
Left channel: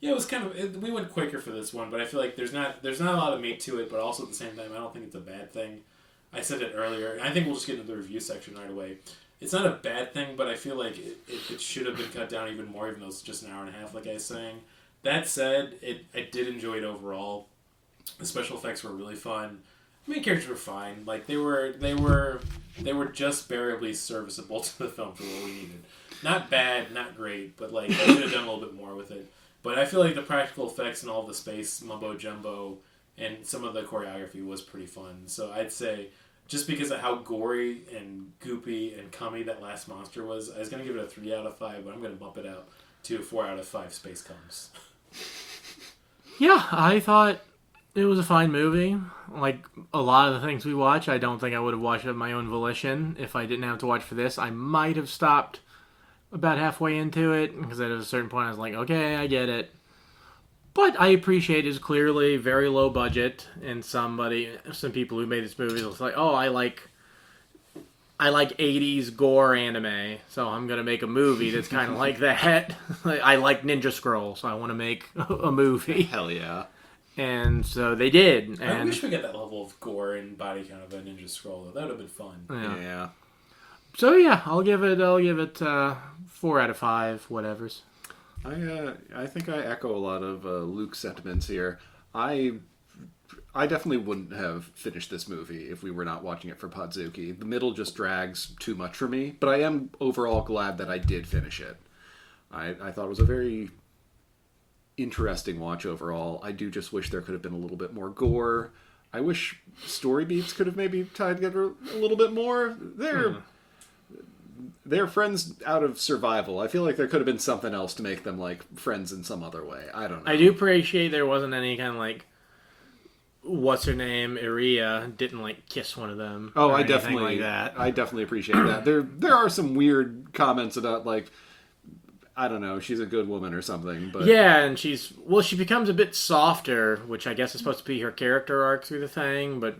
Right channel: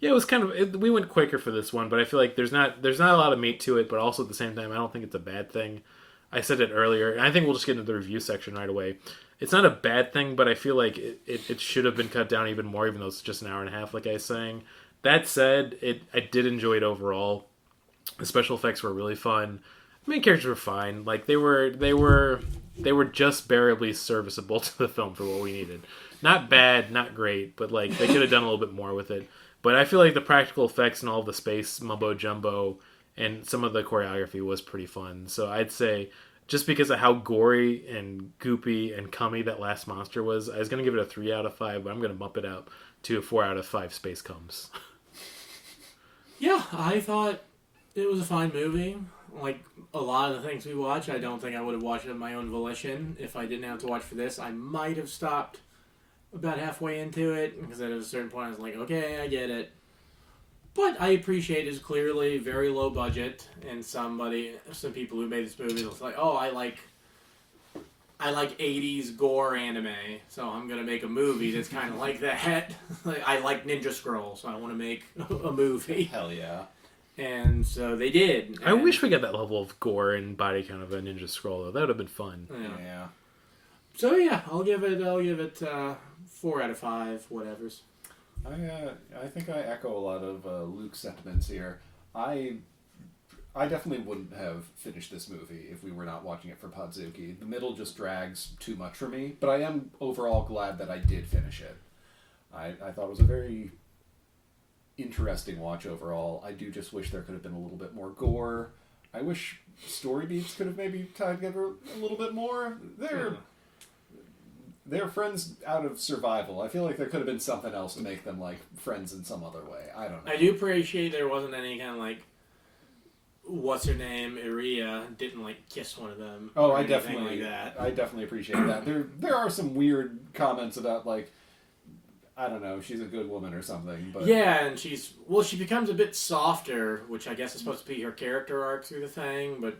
Yeah, it was kind of we went quicker for this one, but I feel like there's not a lot of meat to it, but also at the same time, I don't think it's a bad thing. I said it earlier, and I think we'll just get into the review section right away. It's not a bad thing, but I feel like it should have been cut down even more, even though it's just an hour and a half, like I was saying. That said, I did enjoy it overall. The special effects were really fun. The main characters were fine. Like they were just barely serviceable to the film for what we needed. Not bad, not great, but like they could have done a little bit more with it. But I feel like the practical effects and all the space mumbo jumbo and some of the choreography was pretty fun. So I'd say, just because of how gory and goopy and cummy that last monster was, I was gonna give it a 3 out of 5, but I'm gonna bump it up to a 4 out of 5 space cums. Yeah, I thought it was a fine movie. Like a lot of the things we watch, I don't think I would have watched of my own volition. If I didn't have to watch for this, I might have stopped about halfway into it, because at a certain point I was like, okay, I get it. But I appreciate it's clearly very low budget, and some people who made this movie was like, oh, I like 80s gore anime, so I'm gonna make a movie that's kind of like that. I like Ninja Scroll, so I want to make a movie. Hell yeah. And so they did. I wish we got that level of gore and body count of a Ninja Scroll, though. That would have been fun. Yeah. So yeah, I'll give it 4 out of 5, whatevers. I think I echo a lot of Luke's sentiments here. I definitely wouldn't have finished this movie if we were not watching it for Podzooky. The middle just drags too much for me, but I am overall glad that I did finish it. I thought it was a very interesting watch overall. I do just wish there could have been a little bit more gore. I wish story beats could have maybe tied together a little bit more. They're friends out of survival. I feel like there could have been something else to make them like friends in some other way. I don't know. I do appreciate there wasn't any kind of like, what's her name, Iria didn't like kiss one of them. Oh, I definitely appreciate that. There are some weird comments about like, I don't know, she's a good woman or something, but yeah, and she becomes a bit softer, which I guess is supposed to be her character arc through the thing, but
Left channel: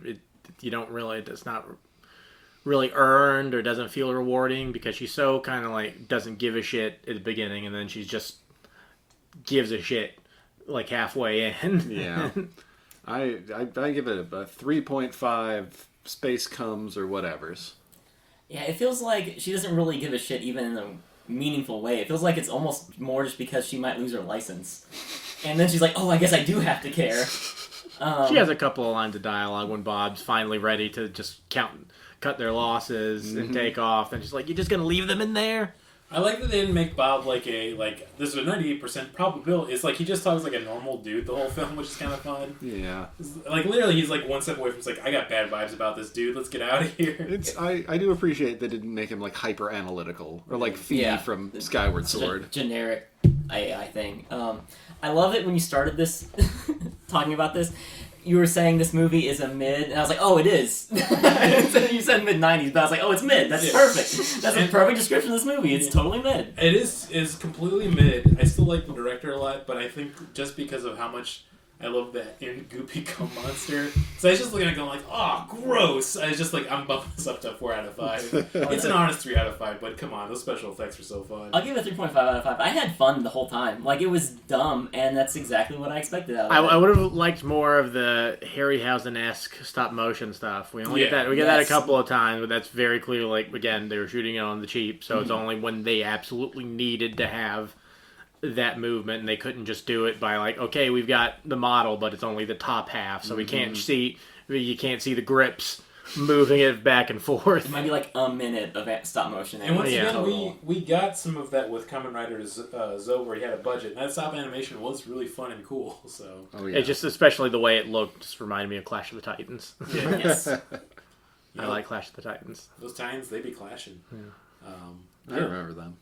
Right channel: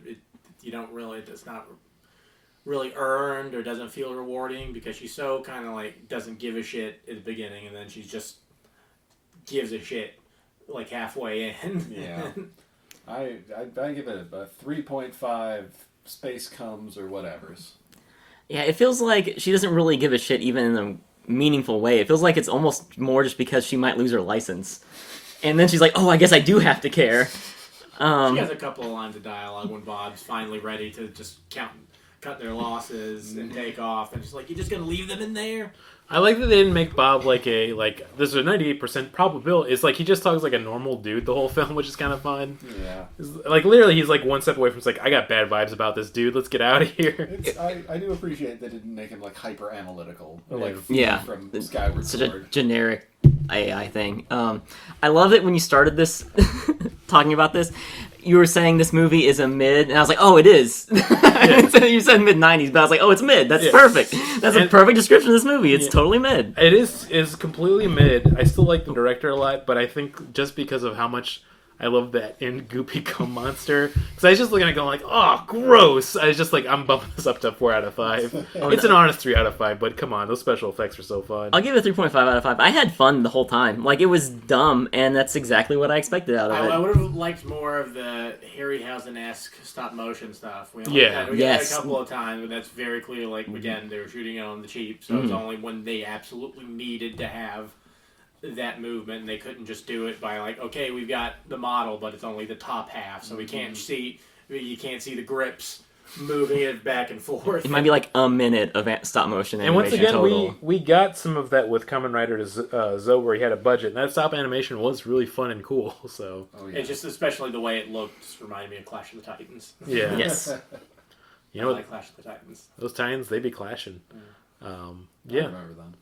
it's not really earned or doesn't feel rewarding because she's so kind of like doesn't give a shit at the beginning, and then she just gives a shit like halfway in. Yeah. I give it a 3.5 space comes or whatevers. Yeah, it feels like she doesn't really give a shit even in a meaningful way. It feels like it's almost more just because she might lose her license. And then she's like, oh, I guess I do have to care. She has a couple of lines of dialogue when Bob's finally ready to just cut their losses and take off. And she's like, you're just going to leave them in there? I like that they didn't make Bob like there's a 98% probability. It's like he just talks like a normal dude the whole film, which is kind of fun. Yeah. Like literally he's like one step away from like, I got bad vibes about this dude. Let's get out of here. I do appreciate they didn't make him like hyper analytical or like Fee from Skyward Sword. Generic AI thing. I love it when you started this talking about this. You were saying this movie is a mid, and I was like, oh, it is. So you said mid-90s, but I was like, oh, it's mid. That's perfect. That's a perfect description of this movie. It's totally mid. It is completely mid. I still like the director a lot, but I think just because of how much I love that goopy cum monster. Because I was just looking at it going like, oh, gross. I was just like, I'm bumping this up to 4 out of 5. It's an honest 3 out of 5, but come on, those special effects are so fun. I'll give it a 3.5 out of 5. I had fun the whole time. Like, it was dumb, and that's exactly what I expected out of it. I would have liked more of the Harryhausen-esque stop-motion stuff. We get that a couple of times, but that's very clear. Like, again, they were shooting it on the cheap, so it's only when they absolutely needed to have that movement, and they couldn't just do it by like, okay, we've got the model, but it's only the top half, so you can't see the grips moving it back and forth. It might be like a minute of stop motion animation. And once again, total. we got some of that with Kamen Rider Zo, where he had a budget, and that stop animation was really fun and cool. So it just, especially the way it looked, just reminded me of Clash of the Titans. Yeah. Yes. I like Clash of the Titans. Those Titans, they be clashing. I remember them.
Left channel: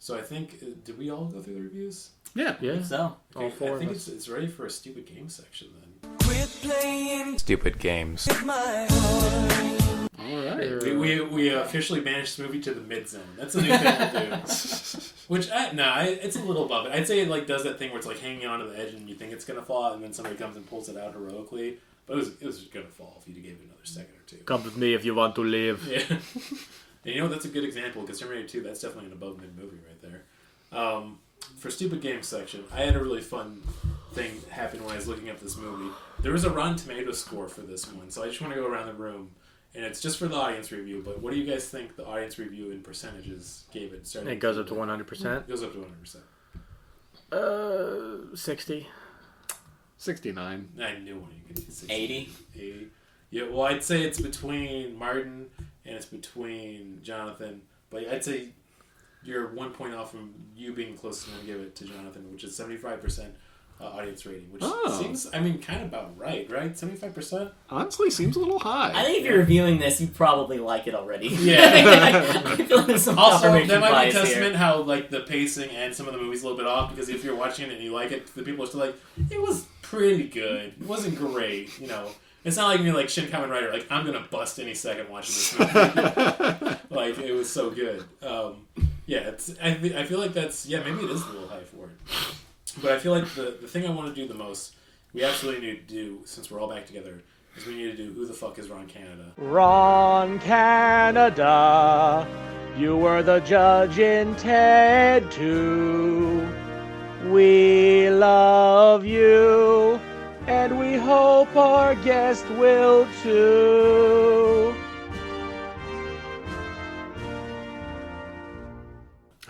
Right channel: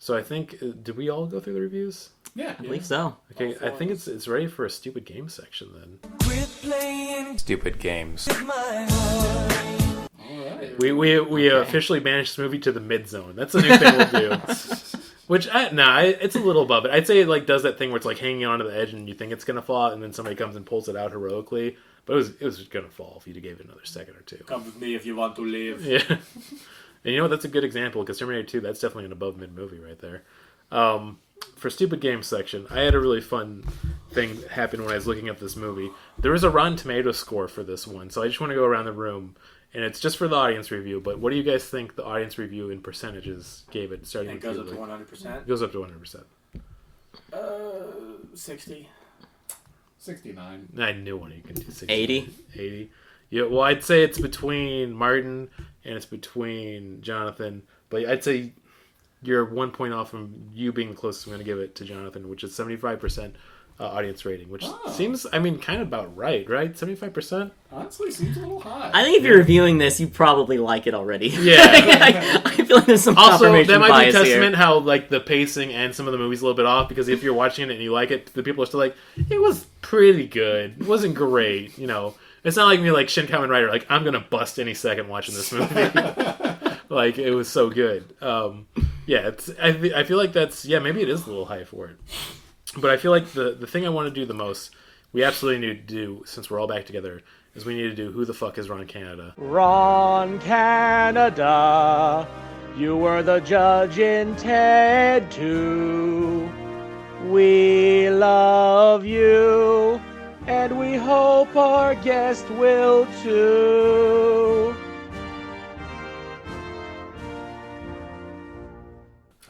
So I think, did we all go through the reviews? Yeah, I think so. Okay, I think it's ready for a stupid game section then. Quit playing stupid games. with my heart. All right. We officially banished this movie to the mid zone. That's a new thing we'll do. Which it's a little above it. I'd say it like does that thing where it's like hanging onto the edge and you think it's gonna fall, and then somebody comes and pulls it out heroically. But it was gonna fall if you gave it another second or two. Come with me if you want to live. Yeah. And you know what? That's a good example, because Terminator 2, that's definitely an above-mid movie right there. For Stupid Games section, I had a really fun thing happen when I was looking at this movie. There was a Rotten Tomatoes score for this one, so I just want to go around the room, and it's just for the audience review, but what do you guys think the audience review in percentages gave it? It goes up to 100%? It goes up to 100%. 60. 69. I knew one you could do 60. 80. 80. Yeah, well, I'd say it's between Martin and it's between Jonathan, but I'd say you're 1 point off from you being the closest I'm going to give it to Jonathan, which is 75% audience rating, which seems, kind of about right? 75%? Honestly, seems a little high. I think if you're reviewing this, you probably like it already. Yeah. I feel like there's some also, confirmation that might bias be a testament here. how like the pacing and some of the movies a little bit off, because if you're watching it and you like it, the people are still like, it was pretty good. It wasn't great, It's not like me, like Shin Kamen Rider. Like, I'm gonna bust any second watching this movie. Like, it was so good. I feel like that's maybe it is a little high for it. But I feel like the thing I want to do the most, we absolutely need to do since we're all back together, is we need to do Who the Fuck is Ron Canada? Ron Canada, you were the judge in Ted 2. We love you. And we hope our guest will too.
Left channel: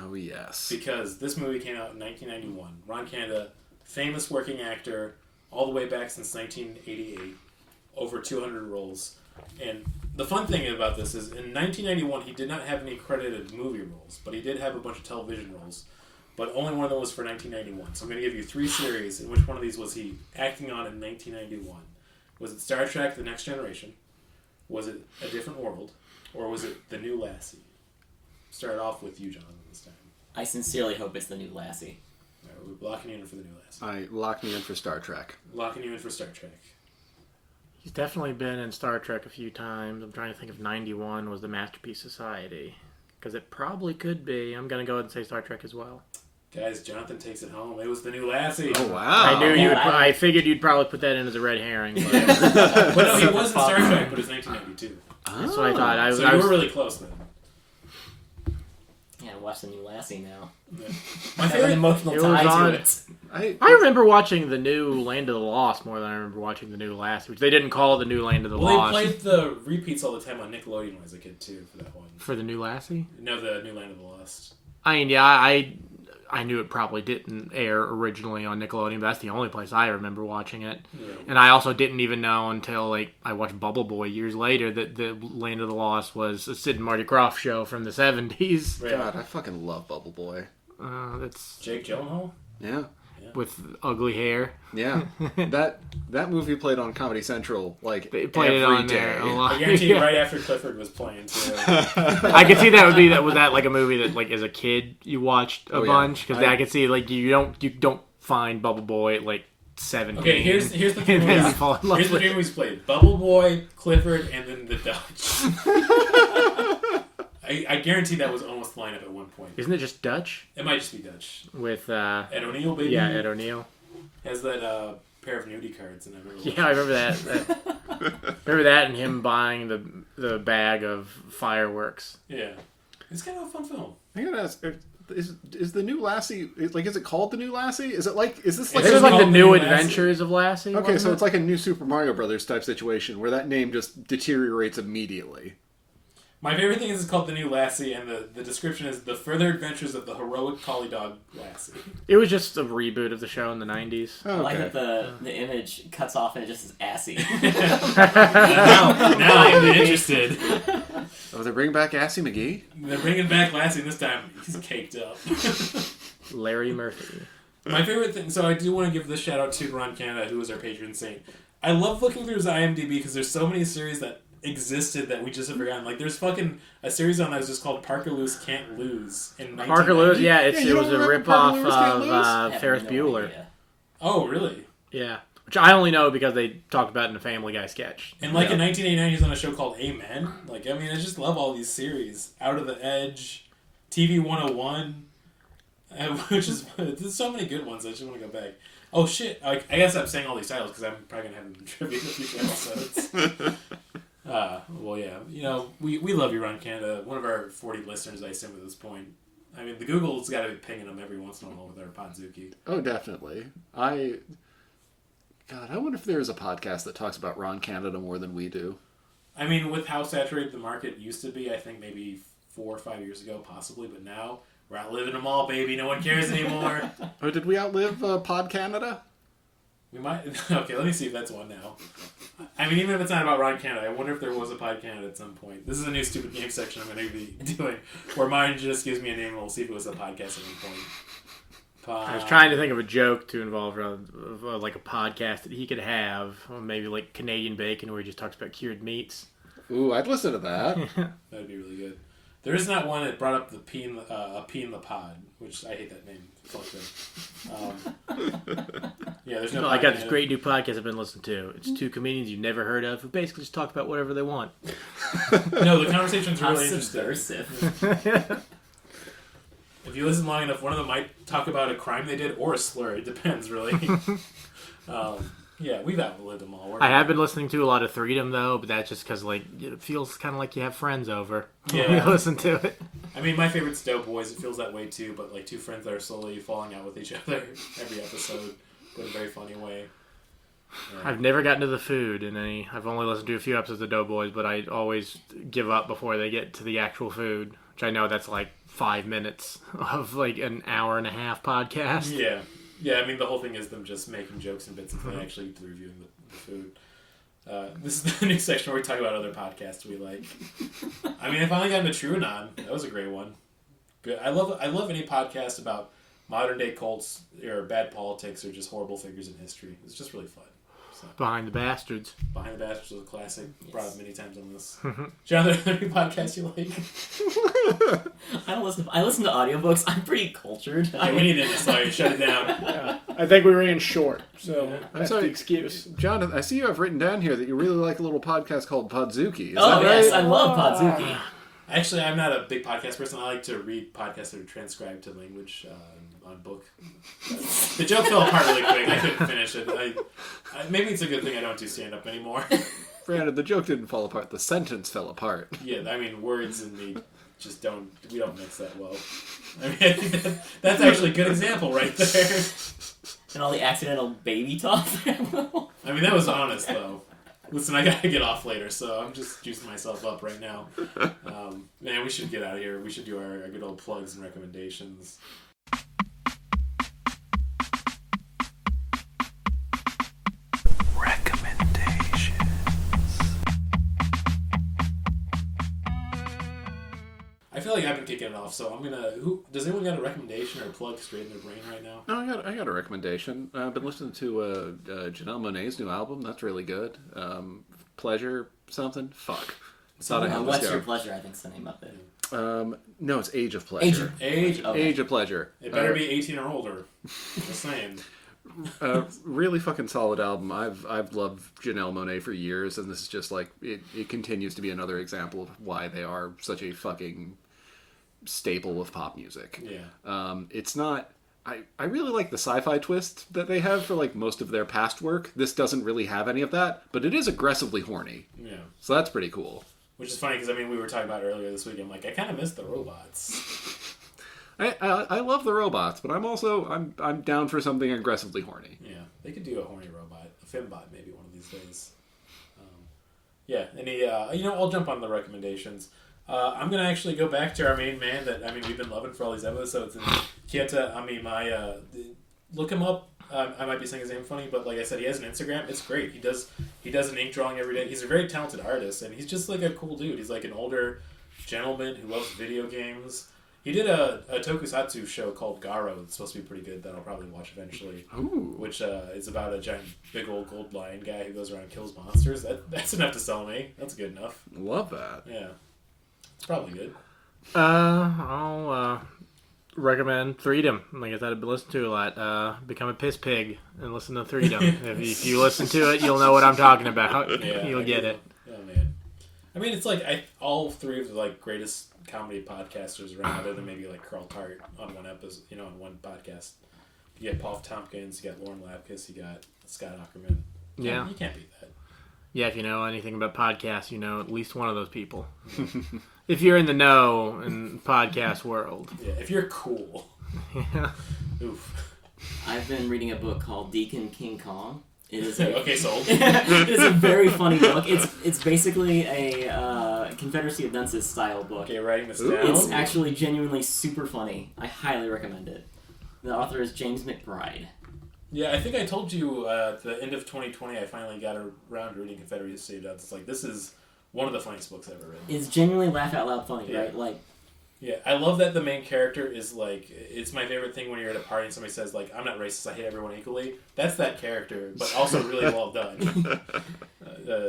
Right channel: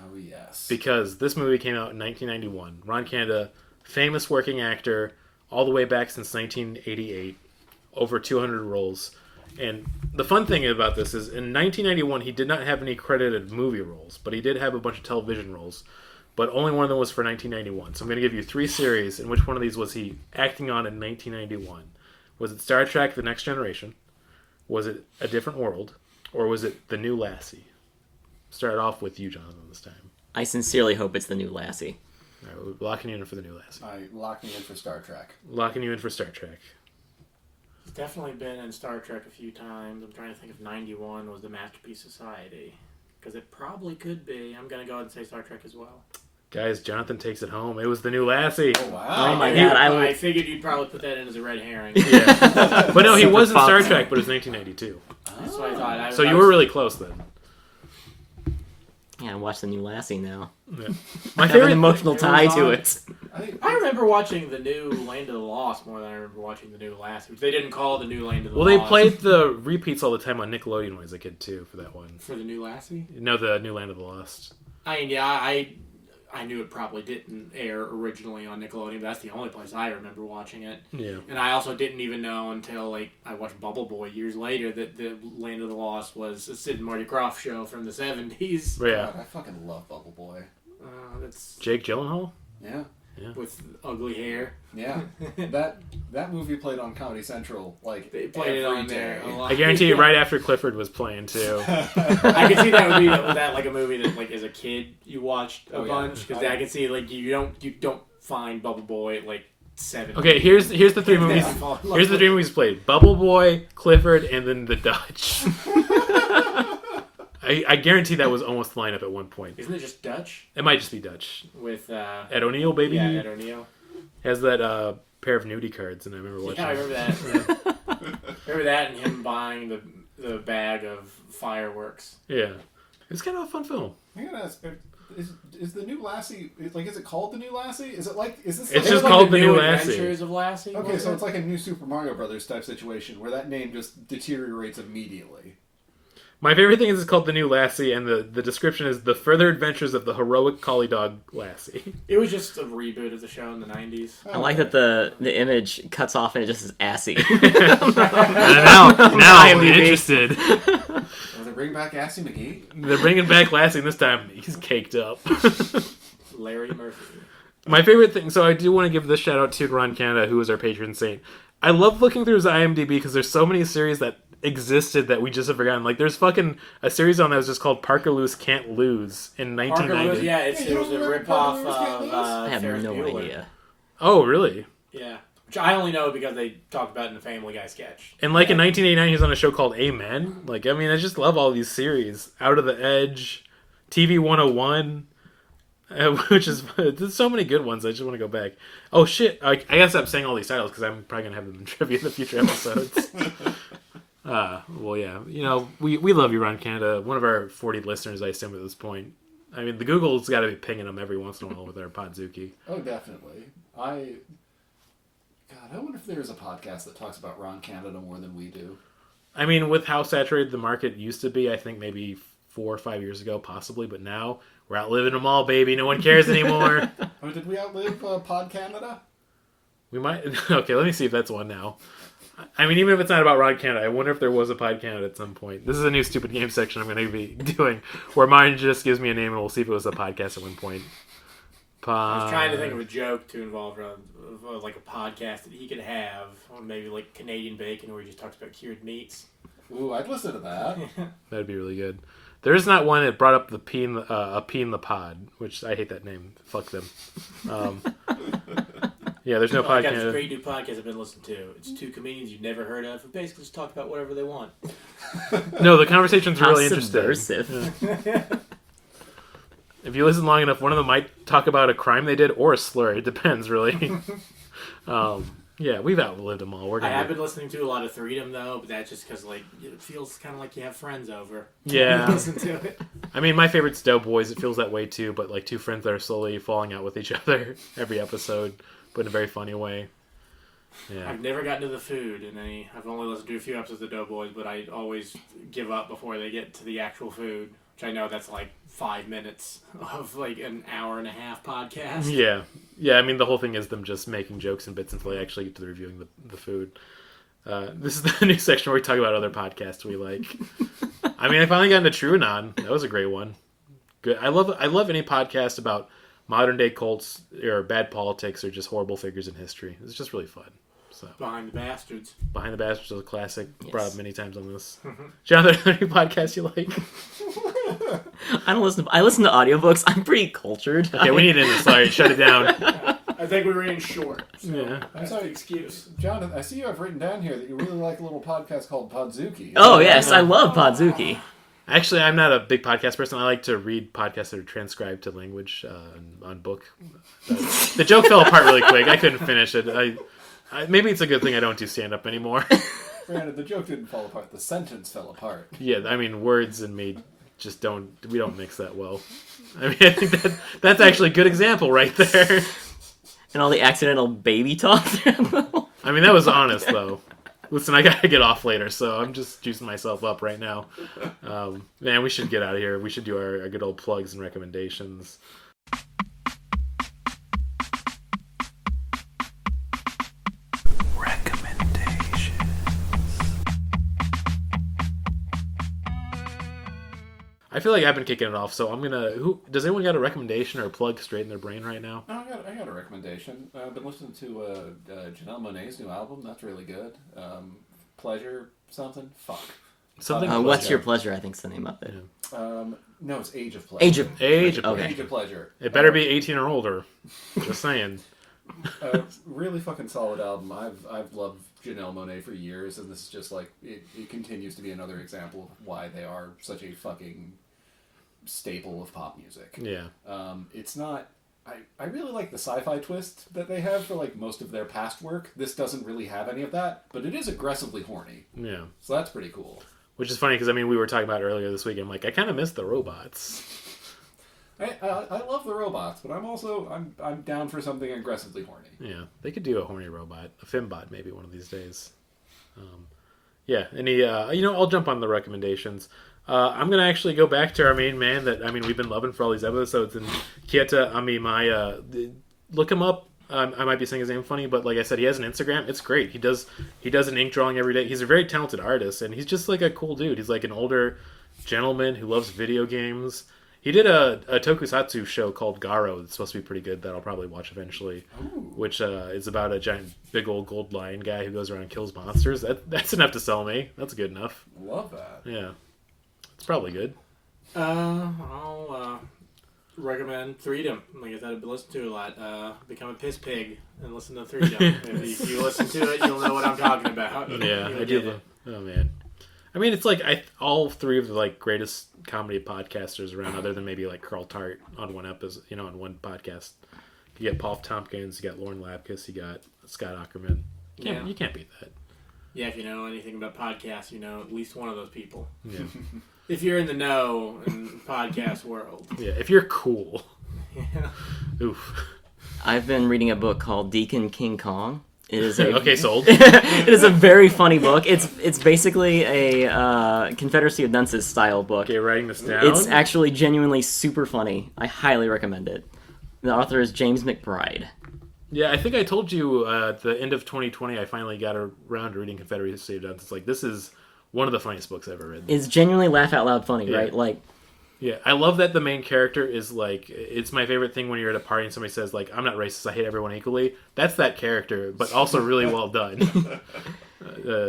Oh Oh, yes. Because this movie came out in 1991. Ron Canada, famous working actor, all the way back since 1988. Over 200 roles. And the fun thing about this is, in 1991, he did not have any credited movie roles, but he did have a bunch of television roles. But only one of them was for 1991. So I'm going to give you 3 series, and which one of these was he acting on in 1991? Was it Star Trek: The Next Generation? Was it A Different World? Or was it The New Lassie? Start off with you, Jonathan, this time. I sincerely hope it's The New Lassie. All right, we're locking you in for The New Lassie. I locked me in for Star Trek. Locking you in for Star Trek. He's definitely been in Star Trek a few times. I'm trying to think if 91 was the Masterpiece Society. Because it probably could be. I'm going to go ahead and say Star Trek as well. Guys, Jonathan takes it home. It was The New Lassie. Oh, wow. my God, I figured you'd probably put that in as a red herring. Yeah. But no, he was in Super Star pop. Trek, but it was 1992. That's what I thought. So you were really close then. Yeah, I watched The New Lassie now. Yeah. I have an emotional it tie was to on- it. I remember watching the new Land of the Lost more than I remember watching the new Lassie, which they didn't call it the new Land of the Well, they Lost. played the repeats all the time on Nickelodeon when I was a kid, too, for that one. For the new Lassie? No, the New Land of the Lost. I mean, yeah, I knew it probably didn't air originally on Nickelodeon, but that's the only place I remember watching it. Yeah. And I also didn't even know until I watched Bubble Boy years later that the Land of the Lost was a Sid and Marty Krofft show from the 70s. Yeah. God, I fucking love Bubble Boy. That's Jake Gyllenhaal? Yeah. with ugly hair. Yeah. that movie played on Comedy Central like They played it every on there day. a lot. I guarantee you right after Clifford was playing, too. I could see that would be was that like a movie that like as a kid you watched a Oh, yeah. bunch because I could see like you don't find Bubble Boy at like 7. Okay, here's the 3 movies. Yeah, fall in love Here's the with 3 movies played: Bubble Boy, Clifford, and then The Dutch. I guarantee that was almost the lineup at one point. Isn't it just Dutch It might just be Dutch. with Ed O'Neill, baby. yeah Ed O'Neill? Has that pair of nudie cards, and I remember watching. Yeah, I remember that. Remember that and him buying the bag of fireworks. Yeah, it's kind of a fun film. I gotta ask, is the new Lassie like? Is it called the new Lassie? Is this like? It's This just is like called the The new New Lassie. Adventures of Lassie. Okay, wasn't so it? it's like a new Super Mario Brothers type situation where that name just deteriorates immediately. My favorite thing is it's called The New Lassie, and the description is The Further Adventures of the Heroic Collie Dog Lassie. It was just a reboot of the show in the 90s. I like that the image cuts off and it just says assy. now I'm interested. Oh, they're bringing back Assy McGee? They're bringing back Lassie, and this time he's caked up. Larry Murphy. My favorite thing, so I do want to give this shout out to Ron Canada, who is our patron saint. I love looking through his IMDb because there's so many series that existed that we just have forgotten. Like, there's fucking a series on that was just called Parker Lewis Can't Lose in 1990. Parker Lewis, yeah, Yeah, it you was don't a remember ripoff Parker Lewis Can't Lose? I of have Ferris no Bueller. idea. Oh, really? Yeah. Which I only know because they talked about it in a Family Guy sketch. And like in 1989, he was on a show called Amen. Like, I mean, I just love all these series. Out of the Edge, TV 101, which is, there's so many good ones. I just want to go back. Oh shit! I guess I'm saying all these titles because I'm probably gonna have them in trivia in the future episodes. Well, yeah, you know, we love you, Ron Canada. One of our 40 listeners, I assume, at this point. I mean, the Google's got to be pinging them every once in a while with our Podzooky. Oh, definitely. God, I wonder if there is a podcast that talks about Ron Canada more than we do. I mean, with how saturated the market used to be, I think maybe 4 or 5 years ago, possibly, but now we're outliving them all, baby. No one cares anymore. Oh, did we outlive Pod Canada? We might. Okay, let me see if that's one now. I mean, even if it's not about Ron Canada, I wonder if there was a Pod Canada at some point. This is a new stupid game section I'm going to be doing, where mine just gives me a name and we'll see if it was a podcast at one point. I was trying to think of a joke to involve like a podcast that he could have, or maybe like Canadian Bacon, where he just talks about cured meats. Ooh, I'd listen to that. That'd be really good. There is not one that brought up the pea in the pod, which I hate that name. Fuck them. Yeah, there's no I got podcast. this great new podcast I've been listening to. It's 2 comedians you've never heard of who basically just talk about whatever they want. No, the conversation's How really interesting. subversive. If you listen long enough, one of them might talk about a crime they did or a slur. It depends, really. Yeah, we've outlived them all. I have been listening to a lot of Freedom though, but that's just because like it feels kind of like you have friends over. Yeah. when you listen to it. I mean, my favorite's Doughboys. It feels that way too, but like two friends that are slowly falling out with each other every episode, but in a very funny way. Yeah. I've never gotten to the food in any. I've only listened to a few episodes of Doughboys, but I always give up before they get to the actual food. which I know that's like 5 minutes of like an hour and a half podcast. Yeah. Yeah, I mean, the whole thing is them just making jokes and bits until they actually get to reviewing the food. This is the new section where we talk about other podcasts we like. I mean, I finally got into TrueAnon. That was a great one. Good. I love any podcast about modern day cults or bad politics or just horrible figures in history. It's just really fun. So. Behind the Bastards. Behind the Bastards is a classic. Yes. Brought up many times on this. Jonathan, are there any podcasts you like? I listen to audiobooks. I'm pretty cultured. Okay, we need to end this. Sorry, shut it down. I think we ran short, so Yeah. that's the excuse. Jonathan, I see you have written down here that you really like a little podcast called Podzooky. Is Oh that yes, right? I love Podzooky. Actually, I'm not a big podcast person. I like to read podcasts that are transcribed to language on book. The joke fell apart really quick. I couldn't finish it. Maybe it's a good thing I don't do stand-up anymore. Granted, the joke didn't fall apart. The sentence fell apart. Yeah, I mean, words and me just don't mix that well. I mean, I think that's actually a good example right there. And all the accidental baby talk. I mean, that was honest, though. Listen, I gotta get off later, so I'm just juicing myself up right now. Man, we should get out of here. We should do our good old plugs and recommendations. I feel like I've been kicking it off, so I'm gonna. Does anyone got a recommendation or a plug straight in their brain right now? No, I got a recommendation. I've been listening to Janelle Monáe's new album. That's really good. Pleasure something. Fuck. What's Your Pleasure? I think's the name of it. No, it's Age of Pleasure. Age of Okay. Age of Pleasure. It better be 18 or older. Just saying. Really fucking solid album. I've loved Janelle Monáe for years, and this is just like it continues to be another example of why they are such a fucking staple of pop music. Yeah. It's not. I really like the sci-fi twist that they have for like most of their past work. This doesn't really have any of that, but it is aggressively horny. Yeah. So that's pretty cool. Which is funny because, I mean, we were talking about earlier this week. I'm like, I kind of miss the robots. I love the robots, but I'm down for something aggressively horny. Yeah. They could do a horny robot. A Fimbot, maybe, one of these days. Yeah. I'll jump on the recommendations. I'm going to actually go back to our main man that, I mean, we've been loving for all these episodes. And Keita Amemiya, look him up. I might be saying his name funny, but like I said, he has an Instagram. It's great. He does an ink drawing every day. He's a very talented artist, and he's just like a cool dude. He's like an older gentleman who loves video games. He did a tokusatsu show called Garo that's supposed to be pretty good that I'll probably watch eventually. Ooh. Which is about a giant, big old gold lion guy who goes around and kills monsters. That's enough to sell me. That's good enough. Love that. Yeah. It's probably good. I'll recommend Freedom. Like I said, I've been listening to a lot. Become a piss pig and listen to Freedom. if you listen to it, you'll know what I'm talking about. Yeah, You'll I get do. it. Oh man, I mean, it's like all three of the like greatest comedy podcasters around, other than maybe like Carl Tart on one episode, on one podcast. You get Paul Tompkins, you got Lauren Lapkus, you got Scott Ackerman. Yeah. You can't beat that. Yeah, if you know anything about podcasts, you know at least one of those people. Yeah. If you're in the know in podcast world. Yeah, if you're cool. Yeah. Oof. I've been reading a book called Deacon King Kong. It is a Okay, sold. it is a very funny book. It's basically a Confederacy of Dunces style book. Okay, writing this down. It's actually genuinely super funny. I highly recommend it. The author is James McBride. Yeah, I think I told you at the end of 2020, I finally got around to reading Confederacy of Dunces. It's like, this is one of the funniest books I've ever read. It's genuinely laugh out loud funny, Yeah. right? Like, Yeah, I love that the main character is like, it's my favorite thing when you're at a party and somebody says like, I'm not racist, I hate everyone equally. That's that character, but also really well done.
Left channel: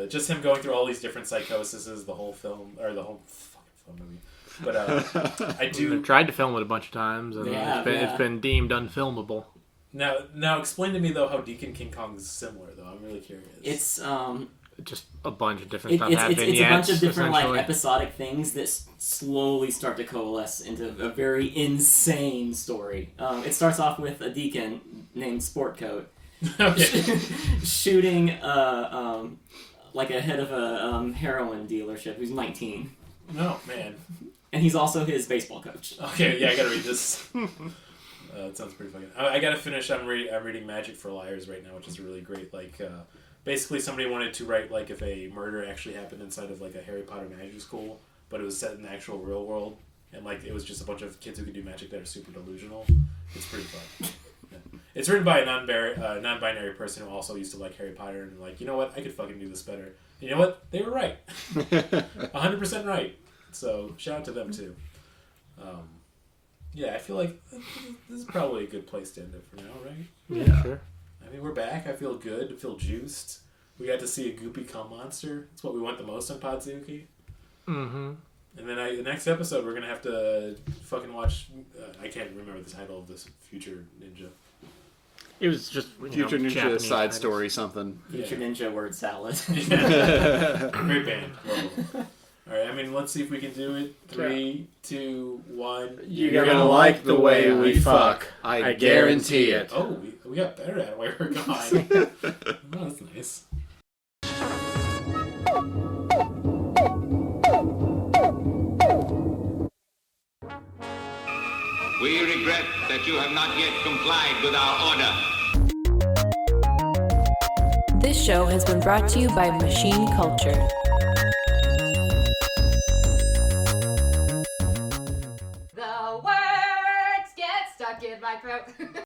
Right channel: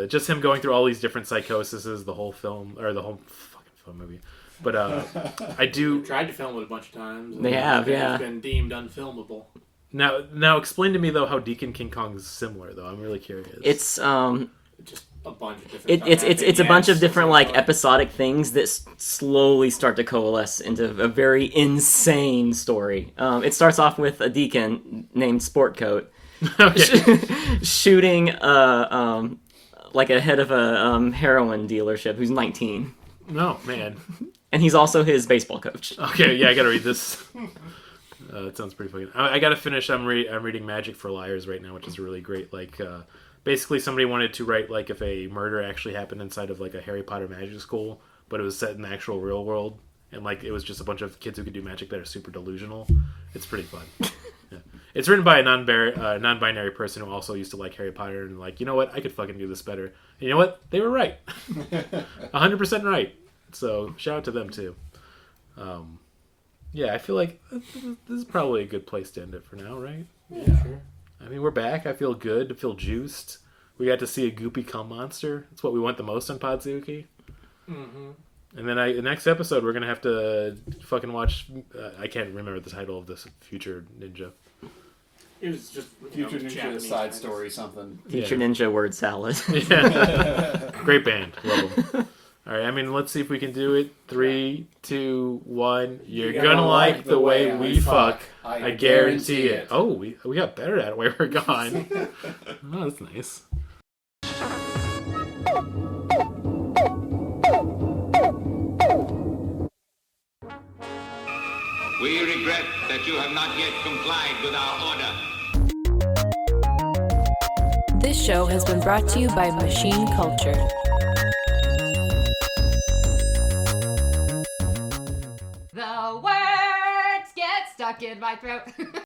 Just him going through all these different psychoses, the whole film, or the whole fucking film movie. But I do... Tried to film it a bunch of times. They have, yeah. It's been deemed unfilmable. Now explain to me though how Deacon King Kong is similar though. I'm really curious. It's just a bunch of different stuff it's happening. a bunch of It's different like essentially- episodic things that slowly start to coalesce into a very insane story. It starts off with a deacon named Sportcoat shooting like a head of a heroin dealership who's 19, No, man. and he's also his baseball coach. Okay, yeah, I gotta read this. It sounds pretty fucking... I gotta finish. I'm reading Magic for Liars right now, which is really great. Like, basically somebody wanted to write like if a murder actually happened inside of like a Harry Potter magic school, but it was set in the actual real world. and like it was just a bunch of kids who could do magic that are super delusional. It's pretty fun. Yeah. It's written by a non-binary person who also used to like Harry Potter and like, you know what, I could fucking do this better. And you know what, they were right. 100% right. So shout out to them too. Yeah, I feel like this is probably a good place to end it for now, right? Yeah, sure. I mean, we're back. I feel good. I feel juiced. We got to see a goopy cum monster. It's what we want the most on Podzooky. Mm-hmm. And then the next episode, we're going to have to fucking watch... I can't remember the title of this Future Ninja. It was just Future Ninja Japanese side titles. story something. Future Ninja word salad. Yeah. Great band. Love them. All right, I mean, let's see if we can do it. 3, 2, 1. You're gonna like the way we fuck. I guarantee it. Oh, we got better at it while we're gone. Oh, that's nice. We regret that you have not yet complied with our order. This show has been brought to you by Machine Culture. The words get stuck in my throat.